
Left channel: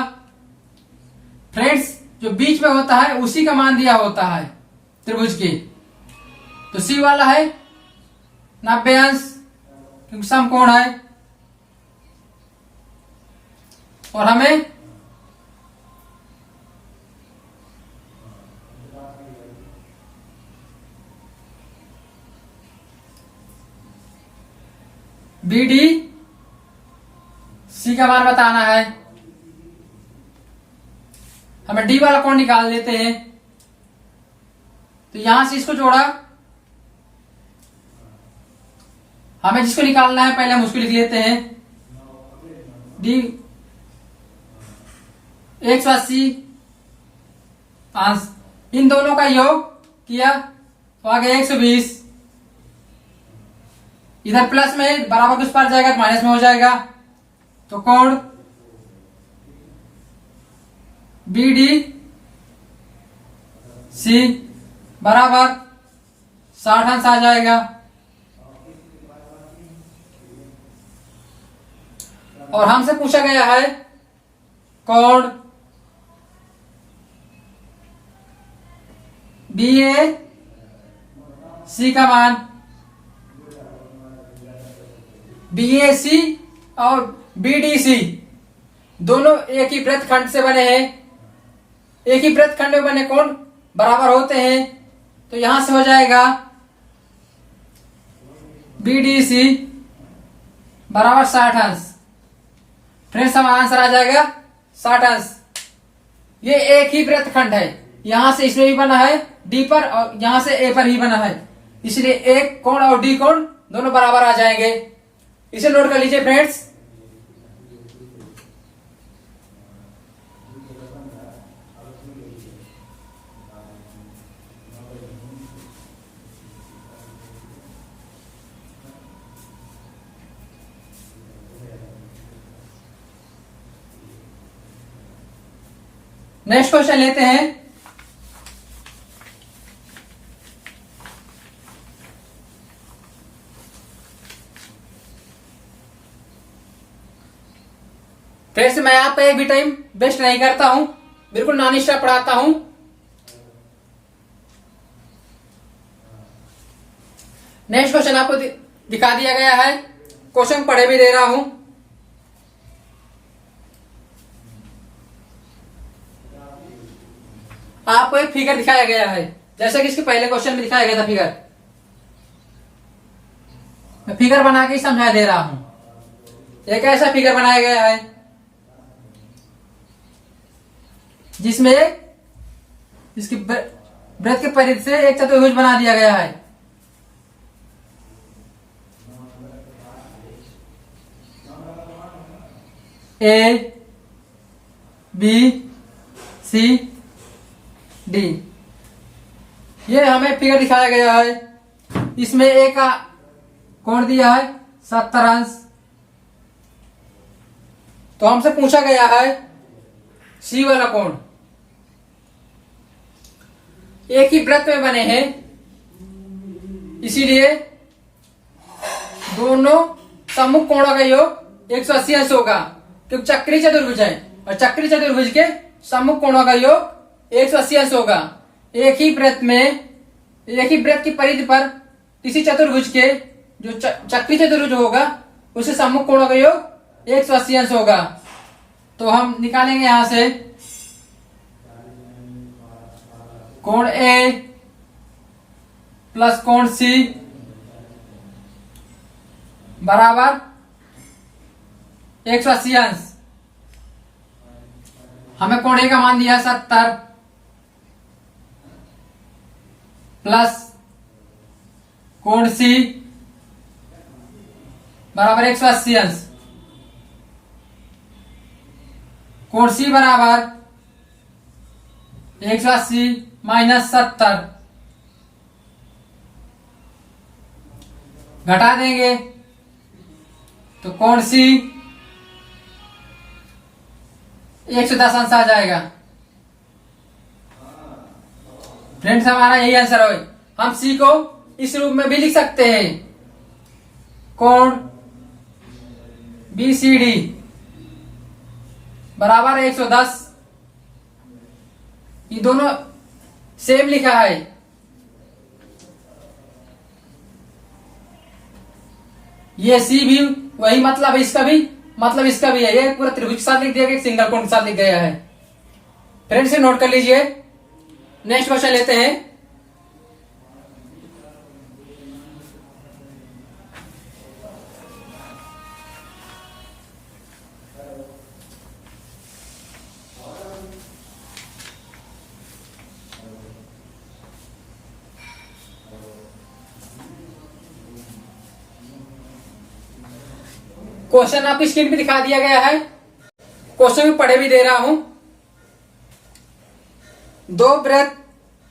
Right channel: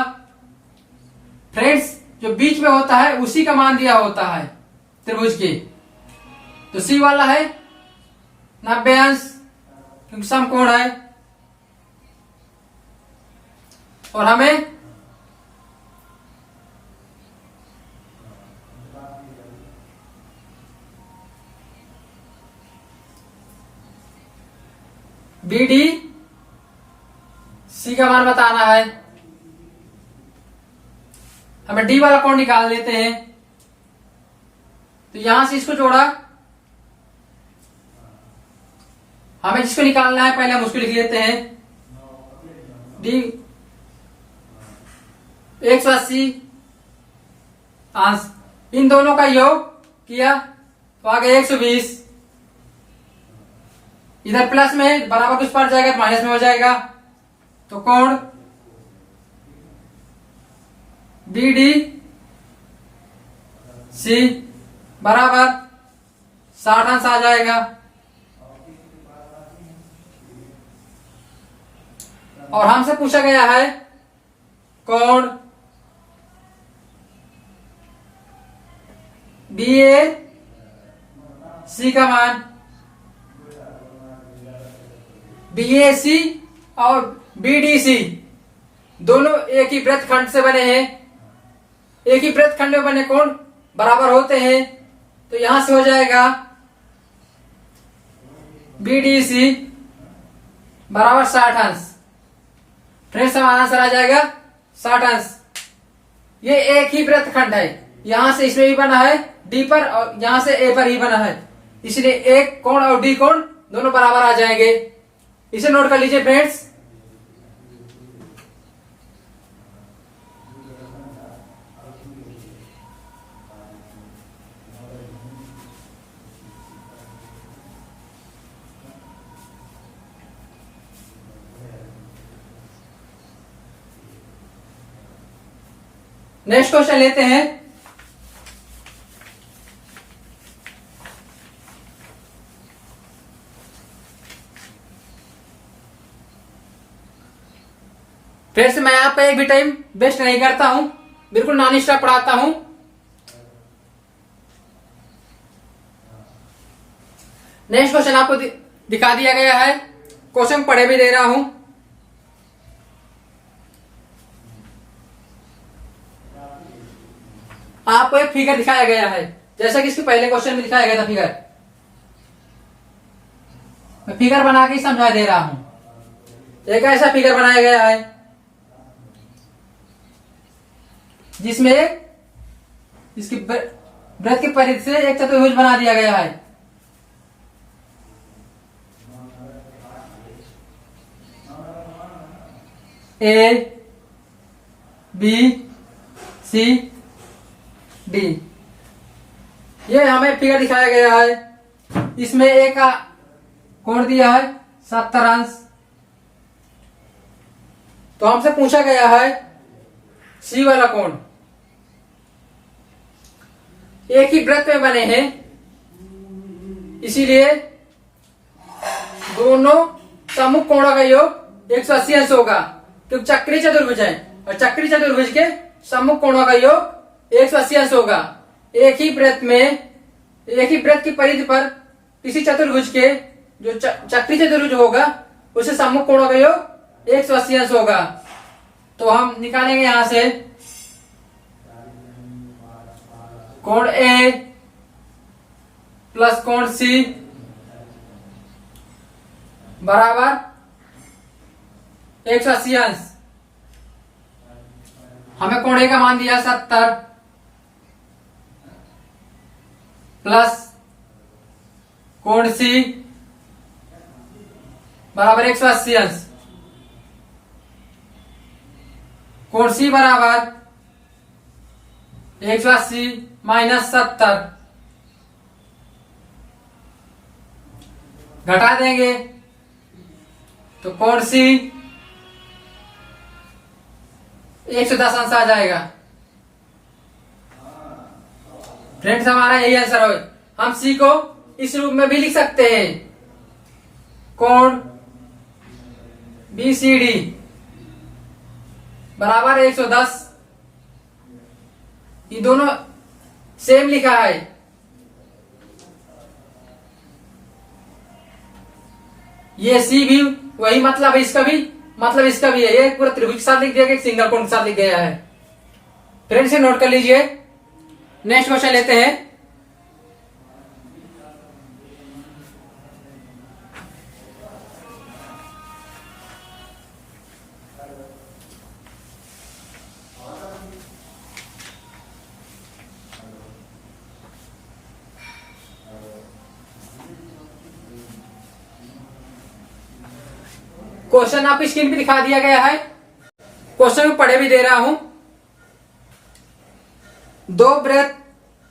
फ्रेंड्स, जो बीच में होता है उसी का मान दिया होता है त्रिभुज के। तो सी वाला है 90 अंश, क्योंकि समकोण है। और हमें बी डी सी का मान बताना है। हमें डी वाला कोण निकाल लेते हैं। तो यहां से इसको जोड़ा, हमें जिसको निकालना है पहले हम उसको लिख लेते हैं। डी 180 अंश, इन दोनों का योग किया तो आगे 120। इधर प्लस में बराबर कुछ पर जाएगा तो माइनस में हो जाएगा। तो कोण बी डी सी बराबर 60 अंश आ जाएगा। और हमसे पूछा गया है कोण बी ए सी का मान। बी ए सी और बी डी सी दोनों एक ही वृत्तखंड से बने हैं। एक ही वृत्तखंड में बने कोण बराबर होते हैं। तो यहां से हो जाएगा बी डी सी बराबर 60 अंश। फ्रेंड्स, हमारा आंसर आ जाएगा 60 अंश। ये एक ही वृत्तखंड है, यहां से इसमें भी बना है डी पर और यहां से ए पर ही बना है, इसलिए एक कोण और डी कोण दोनों बराबर आ जाएंगे। इसे नोट कर लीजिए फ्रेंड्स। नेक्स्ट क्वेश्चन लेते हैं। फ्रेंड्स, मैं आपका एक भी टाइम वेस्ट नहीं करता हूं, बिल्कुल नॉन स्टॉप पढ़ाता हूं। नेक्स्ट क्वेश्चन आपको दिखा दिया गया है, क्वेश्चन पढ़े भी दे रहा हूं। आपको एक फिगर दिखाया गया है, जैसा कि इसके पहले क्वेश्चन में दिखाया गया था फिगर। मैं फिगर बना के समझा दे रहा हूं। एक ऐसा फिगर बनाया गया है जिसमें इसकी वृत्त के परिधि से एक चतुर्भुज बना दिया गया है। ए बी सी डी, ये हमें फिगर दिखाया गया है। इसमें ए का कोण दिया है 70 अंश। तो हमसे पूछा गया है सी वाला कोण। एक ही वृत्त में बने हैं, इसीलिए दोनों सम्मुख कोणों का योग 180 अंश होगा, क्योंकि चक्री चतुर्भुज है और चक्री चतुर्भुज के सम्मुख कोणों का योग 180 अंश होगा। एक ही वृत्त में, एक ही वृत्त की परिधि पर किसी चतुर्भुज के जो चक्री चतुर्भुज होगा उसे सम्मुख कोणों का योग 180 अंश होगा। तो हम निकालेंगे यहां से कोण ए प्लस कोण सी बराबर 180 अंश। हमें कोण ए का मान दिया 70 प्लस कोण सी बराबर 180 अंश। कोण सी बराबर 180 माइनस 70, घटा देंगे तो कोण सी 110 अंश आ जाएगा। फ्रेंड्स हमारा यही आंसर है। हम सी को इस रूप में भी लिख सकते हैं, कोण BCD बराबर 110। ये दोनों सेम लिखा है। ये सी भी वही मतलब है, इसका भी मतलब इसका भी है। ये पूरा त्रिभुज के साथ लिख दिया गया, सिंगल कोण के साथ लिख गया है। फ्रेंड्स से नोट कर लीजिए। नेक्स्ट क्वेश्चन लेते हैं। क्वेश्चन आपकी स्क्रीन पे दिखा दिया गया है। क्वेश्चन में पढ़े भी दे रहा हूं। दो वृत्त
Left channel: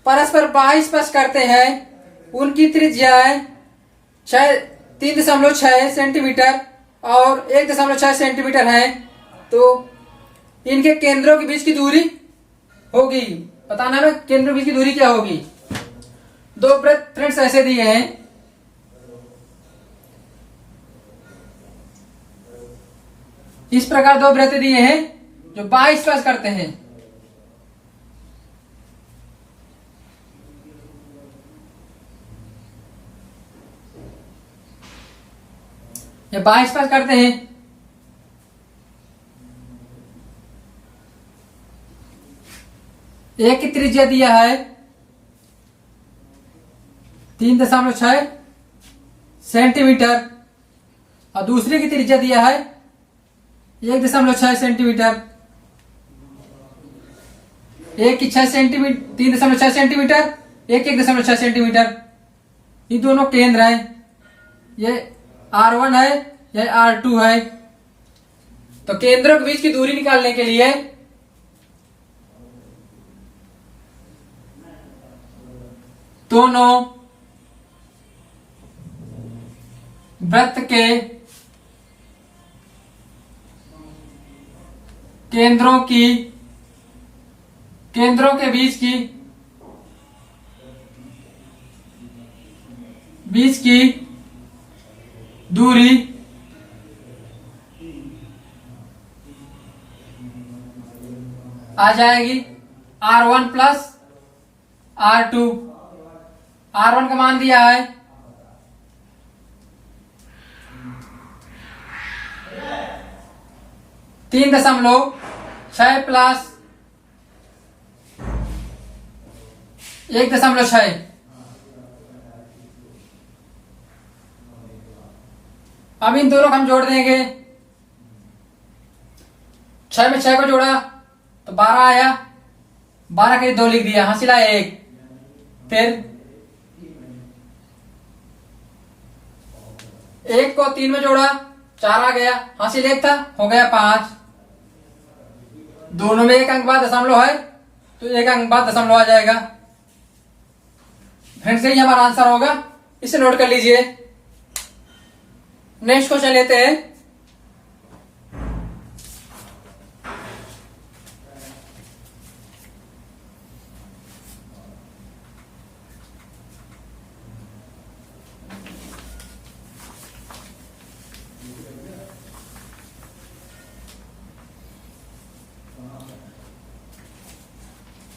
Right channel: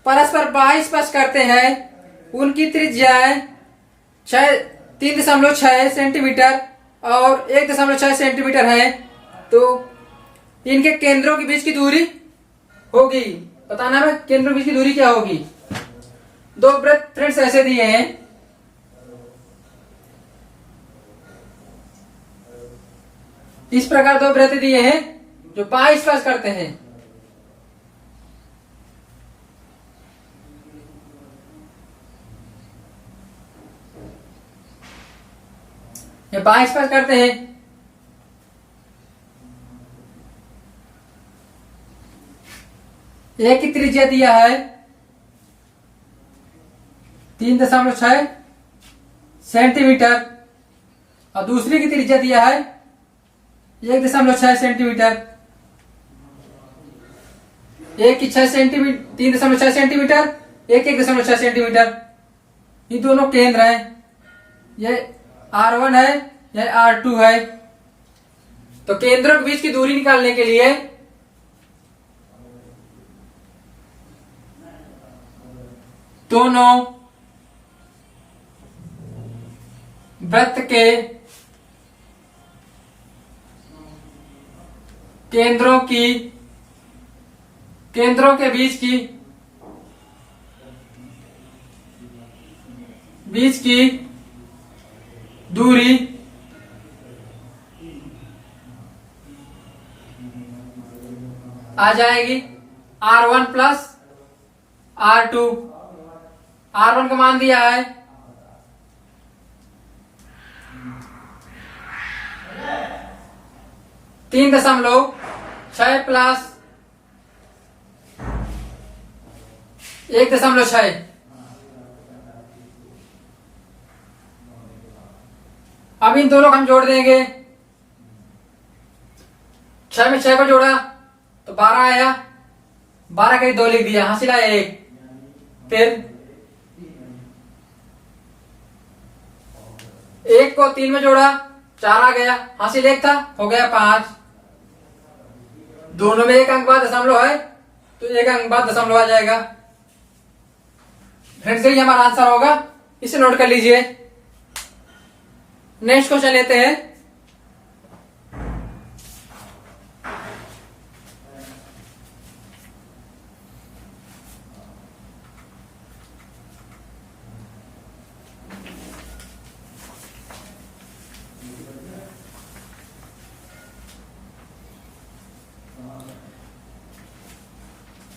परस्पर बाह्य स्पर्श करते हैं, उनकी त्रिज्याएं 3.6 सेंटीमीटर और 1.6 सेंटीमीटर है, तो इनके केंद्रों के बीच की दूरी होगी। बताना है केंद्रों के बीच की दूरी क्या होगी। दो वृत्त फ्रेंड्स ऐसे दिए हैं, इस प्रकार दो वृत्त दिए हैं जो बाह्य स्पर्श करते हैं। ये बाह्य स्पर्श करते हैं। एक की त्रिज्या दिया है 3.6 सेंटीमीटर और दूसरे की त्रिज्या दिया है 1.6 सेंटीमीटर। एक की 6 सेंटीमीटर 3.6 सेंटीमीटर, एक 1.6 सेंटीमीटर। ये दोनों केंद्र हैं। ये R1 है, यह R2 है। तो केंद्रों के बीच की दूरी निकालने के लिए दोनों वृत्त के केंद्रों के बीच की दूरी आ जाएगी R1 प्लस R2। R1 का मान दिया है 3.6 प्लस 1.6। अब इन दोनों को हम जोड़ देंगे। 6 में 6 को जोड़ा तो 12 आया, 12 के 2 लिख दिया, हासिला 1। फिर 1 को 3 में जोड़ा 4 आ गया, हासिल 1 था, हो गया 5। दोनों में एक अंक बाद दशमलव है तो एक अंक बाद दशमलव आ जाएगा। फ्रेंड्स यही हमारा आंसर होगा, इसे नोट कर लीजिए। नेक्स्ट क्वेश्चन लेते हैं।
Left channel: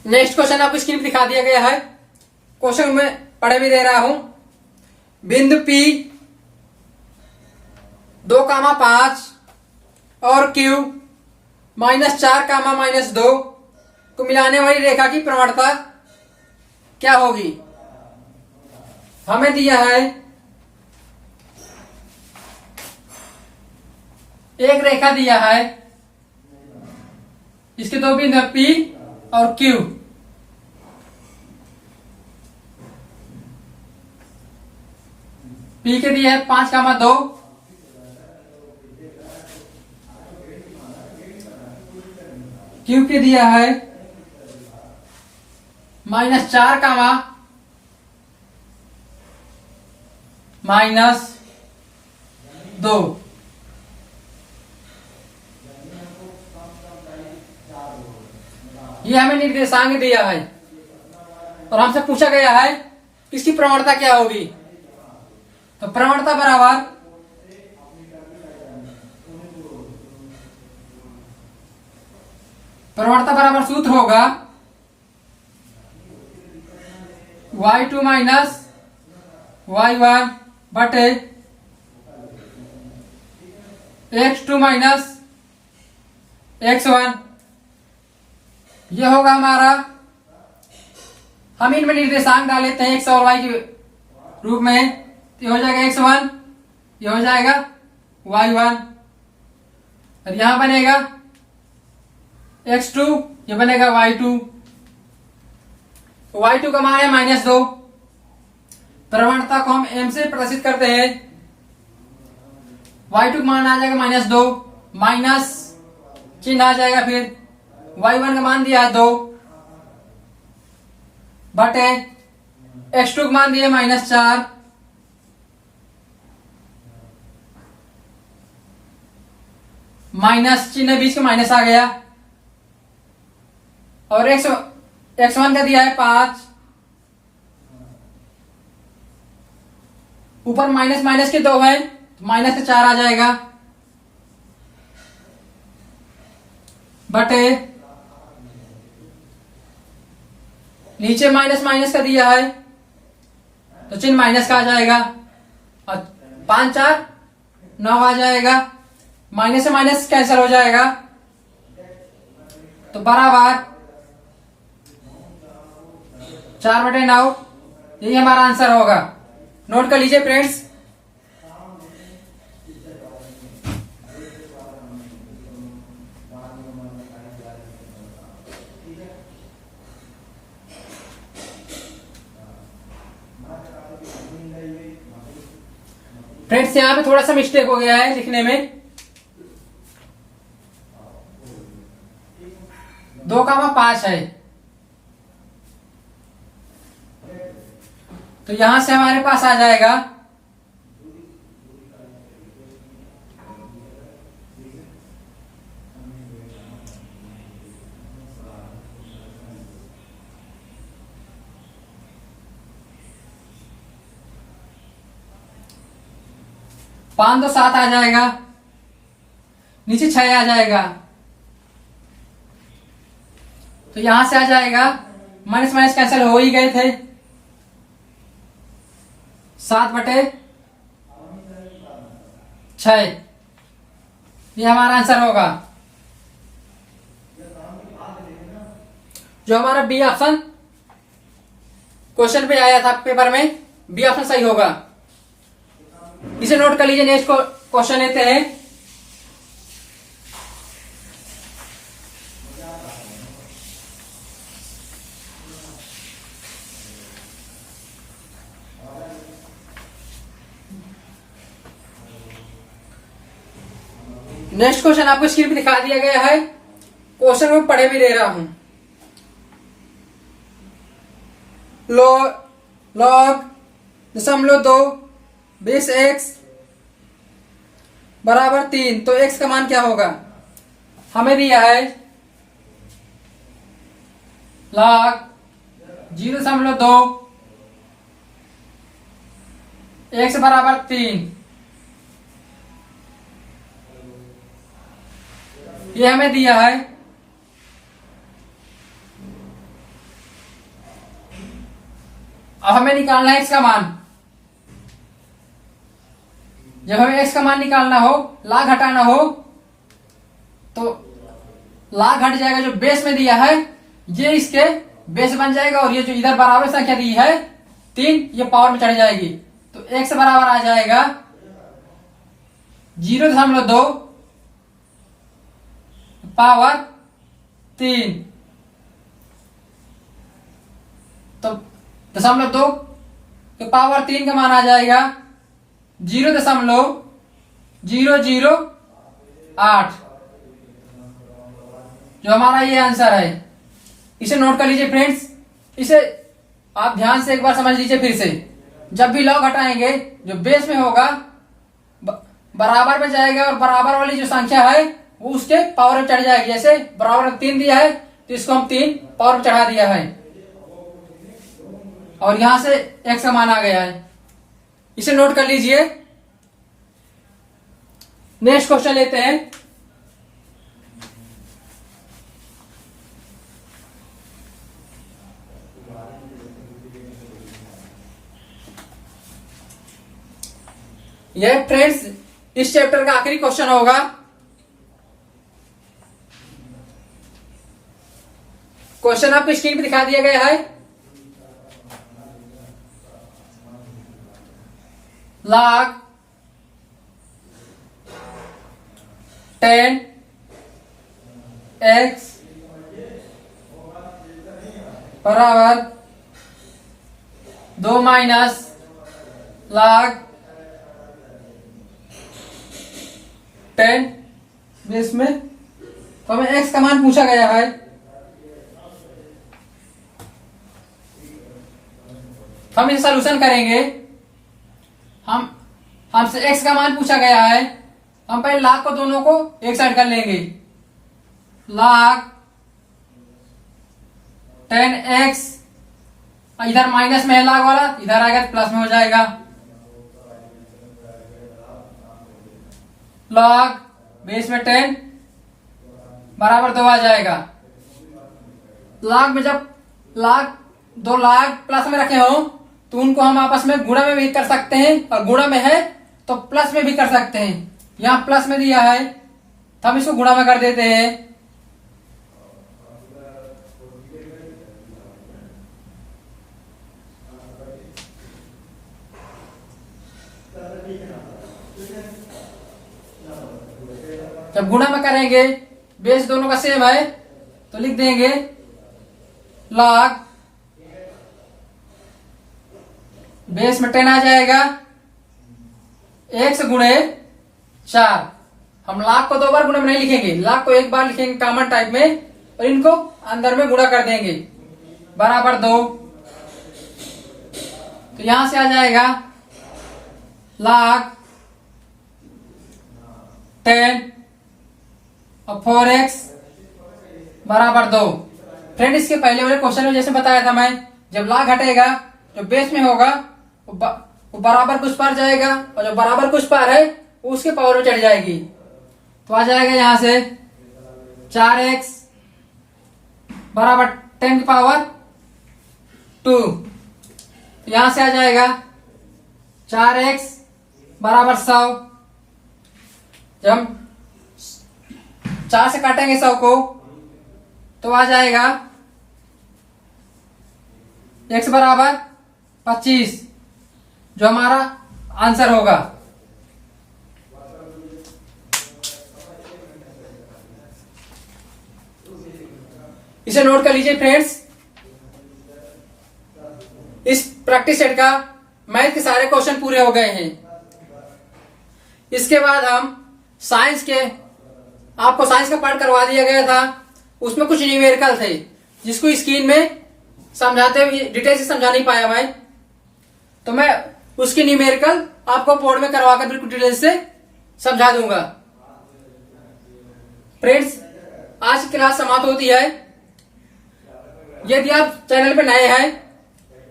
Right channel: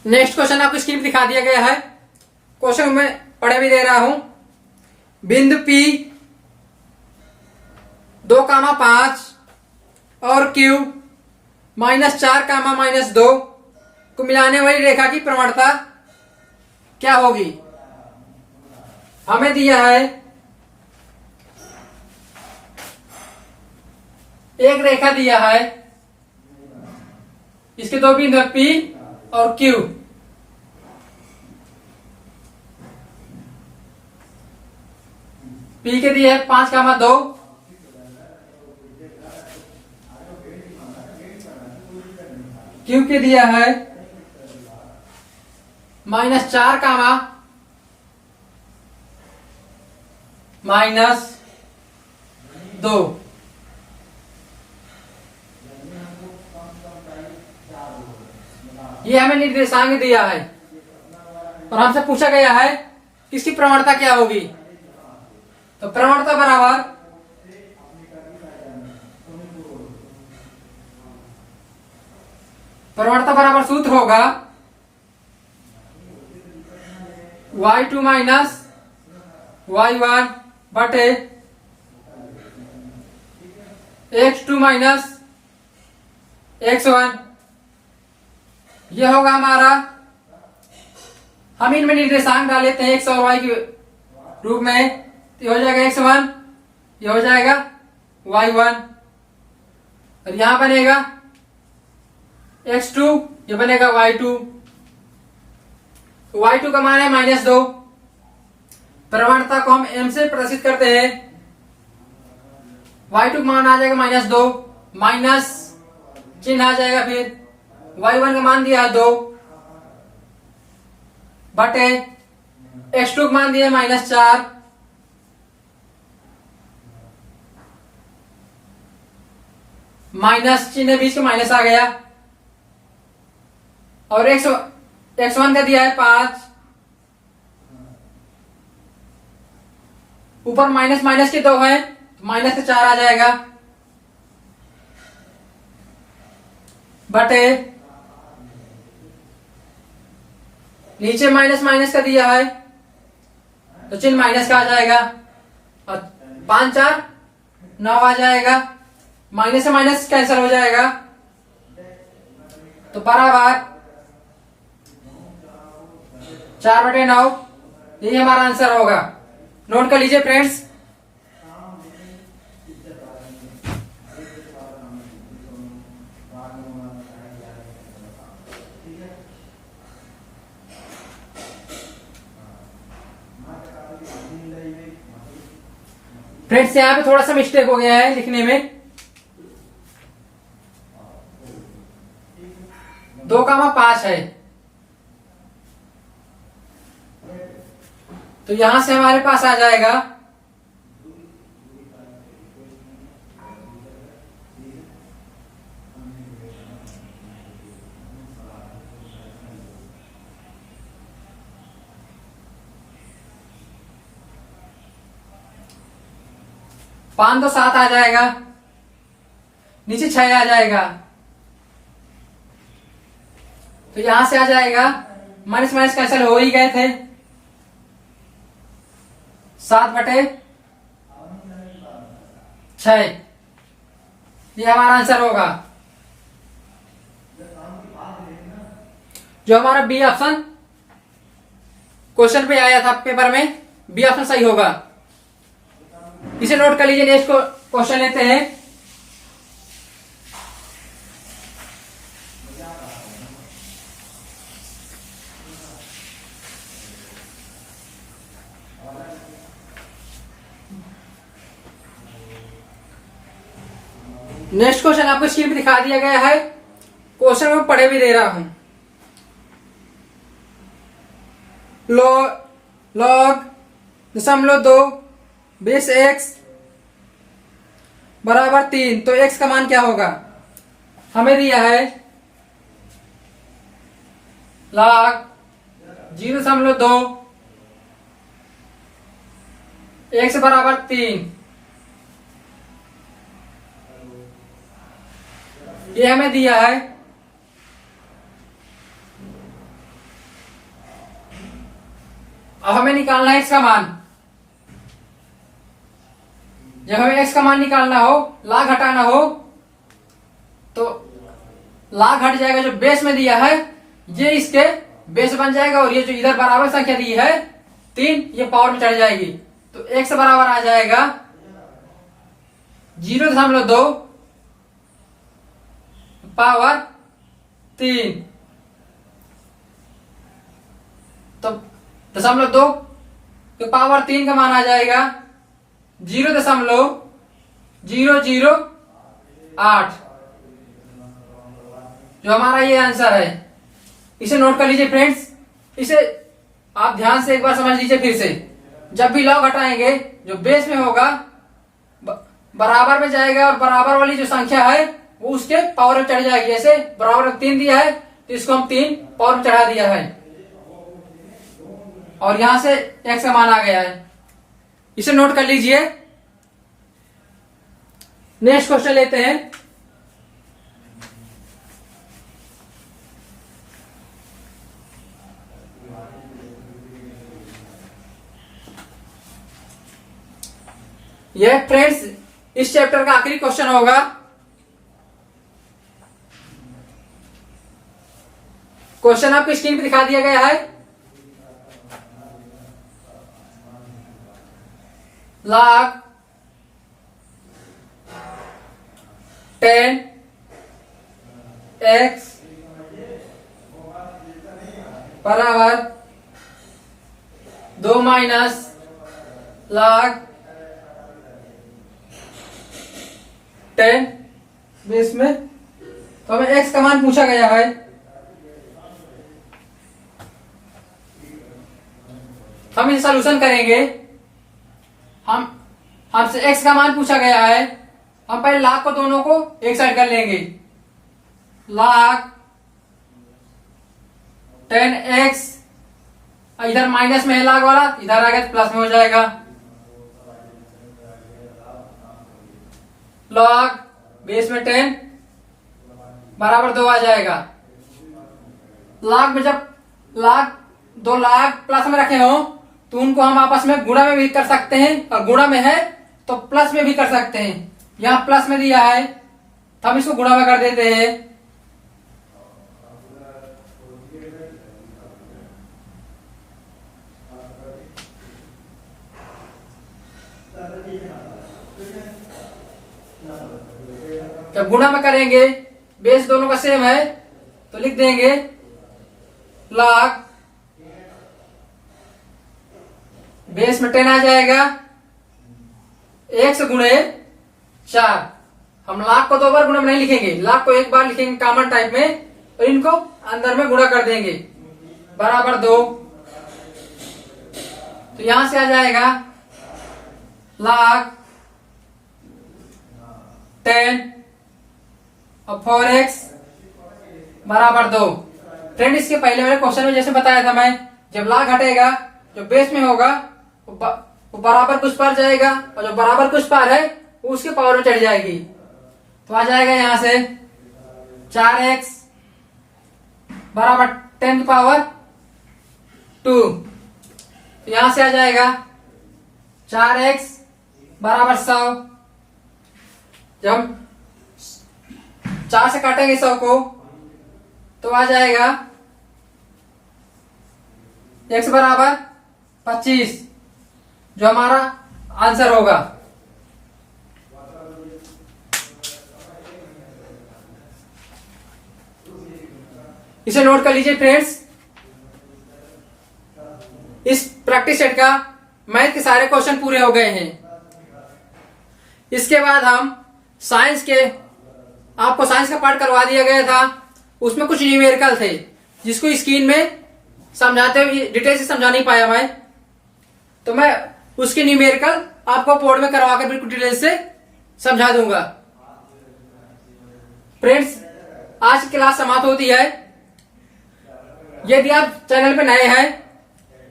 नेक्स्ट क्वेश्चन आपको स्क्रीन पर दिखा दिया गया है। क्वेश्चन में पढ़े भी दे रहा हूं। बिंदु P 2,5 और Q -4, -2 को मिलाने वाली रेखा की प्रवणता क्या होगी। हमें दिया है एक रेखा दिया है, इसके दो बिंदु P और Q। P के दिया है 5,2, Q के दिया है -4, -2। 2। ये हमें निर्देशांक दिया है और हमसे पूछा गया है इसकी प्रवणता क्या होगी। तो प्रवणता बराबर सूत्र होगा y2 माइनस y1 बटे x2 माइनस x1। ये होगा हमारा, हम इनमें निर्देशांक डाल लेते हैं x और y के रूप में। ये हो जाएगा x1, ये हो जाएगा y1 और यहां बनेगा x2, ये बनेगा y2। y2 का मान है -2। प्रवणता को हम m से प्रदर्शित करते हैं। y2 का मान आ जाएगा -2, माइनस चिन्ह आ जाएगा, फिर y1 का मान दिया है 2 बटे x2 का मान दिया है -4 माइनस चिन्ह बीच का माइनस आ गया और x1 का दिया है 5, ऊपर माइनस माइनस के 2 है, माइनस से 4 आ जाएगा बटे नीचे माइनस माइनस का दिया है तो चिन्ह माइनस का आ जाएगा और 5 4 9 आ जाएगा, माइनस से माइनस कैंसिल हो जाएगा तो बराबर 4/9। यही हमारा आंसर होगा। नोट कर लीजिए फ्रेंड्स। फ्रेंड्स यहाँ पे थोड़ा सा मिस्टेक हो गया है लिखने में। 2,5 है तो यहां से हमारे पास आ जाएगा पांच, तो 7 आ जाएगा, नीचे 6 आ जाएगा तो यहां से आ जाएगा, माइनस माइनस कैंसिल हो ही गए थे, 7/6। ये हमारा आंसर होगा। जो हमारा बी ऑप्शन क्वेश्चन पे आया था पेपर में, बी ऑप्शन सही होगा। इसे नोट कर लीजिए। नेक्स्ट क्वेश्चन लेते हैं। नेक्स्ट क्वेश्चन आपको स्क्रीन पे दिखा दिया गया है। क्वेश्चन में पढ़े भी दे रहा हूं। log 0.2 बेस x बराबर 3, तो x का मान क्या होगा? हमें दिया है log 0.2 x बराबर 3, ये हमें दिया है। अब हमें निकालना है x का मान। जब हमें x का मान निकालना हो, लाग हटाना हो, तो लाग हट जाएगा। जो बेस में दिया है ये इसके बेस बन जाएगा और ये जो इधर बराबर संख्या दी है 3, ये पावर में चढ़ जाएगी। तो x बराबर आ जाएगा 0.2 पावर 3। तो 0.2 तो पावर 3 का मान आ जाएगा 0.008, जो हमारा ये आंसर है। इसे नोट कर लीजिए फ्रेंड्स। इसे आप ध्यान से एक बार समझ लीजिए फिर से। जब भी लॉग हटाएंगे, जो बेस में होगा बराबर में जाएगा और बराबर वाली जो संख्या है वो उसके पावर में चढ़ जाएगी। जैसे बराबर में 3 दिया है तो इसको हम 3 पावर में चढ़ा दिया है और यहां से x का मान आ गया है। इसे नोट कर लीजिए। नेक्स्ट क्वेश्चन लेते हैं। यह फ्रेंड्स इस चैप्टर का आखिरी क्वेश्चन होगा। क्वेश्चन आपको स्क्रीन पे दिखा दिया गया है। log 10 x बराबर 2 माइनस log 10 बेस में। तो हमें x का मान पूछा गया है। हम इसे सॉल्यूशन करेंगे। हमसे x का मान पूछा गया है। हम पहले log को दोनों को एक साइड कर लेंगे। log 10x इधर माइनस में है log वाला, इधर आ गया तो प्लस में हो जाएगा। log बेस में 10 बराबर 2 आ जाएगा। log में जब दो log प्लस में रखे हो तो उनको हम आपस में गुणा में भी कर सकते हैं और गुणा में है तो प्लस में भी कर सकते हैं। यहां प्लस में दिया है तो हम इसको गुणा में कर देते हैं। जब गुणा में करेंगे बेस दोनों का सेम है तो लिख देंगे log बेस में 10 आ जाएगा x गुणे 4। हम log को 2 बार गुणा में नहीं लिखेंगे, log को एक बार लिखेंगे कॉमन टाइप में और इनको अंदर में गुणा कर देंगे बराबर 2। तो यहां से आ जाएगा log 10 और 4x बराबर 2। फ्रेंड इसके पहले वाले क्वेश्चन में जैसे बताया था मैं, जब log घटेगा जो बेस में होगा वो बराबर कुछ पार जाएगा और जो बराबर कुछ पार है वो उसके पावर में चढ़ जाएगी। तो आ जाएगा यहां से 4x बराबर 10 की पावर 2। तो यहां से आ जाएगा 4x बराबर 100। जब हम 4 से काटेंगे 100 को तो आ जाएगा x बराबर 25 जो हमारा आंसर होगा। इसे नोट कर लीजिए फ्रेंड्स। इस प्रैक्टिस सेट का मैथ के सारे क्वेश्चन पूरे हो गए हैं। इसके बाद हम साइंस के, आपको साइंस का पार्ट करवा दिया गया था, उसमें कुछ न्यूमेरिकल थे जिसको स्क्रीन में समझाते हुए डिटेल से समझा नहीं पाया मैं, तो मैं उसकी न्यूमेरिकल आपको बोर्ड में करवाकर बिल्कुल डिटेल से समझा दूंगा। फ्रेंड्स आज की क्लास समाप्त होती है। यदि आप चैनल पे नए हैं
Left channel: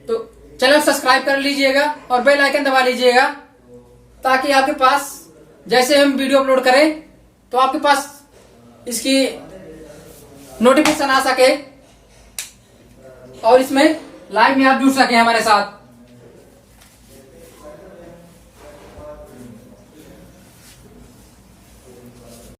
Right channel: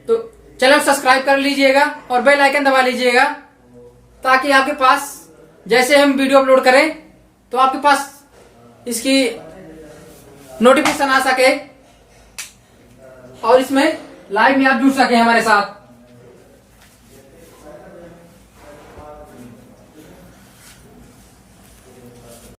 तो चैनल सब्सक्राइब कर लीजिएगा और बेल आइकन दबा लीजिएगा ताकि आपके पास जैसे हम वीडियो अपलोड करें तो आपके पास इसकी नोटिफिकेशन आ सके और इसमें लाइव में आप जुड़ सके हमारे साथ।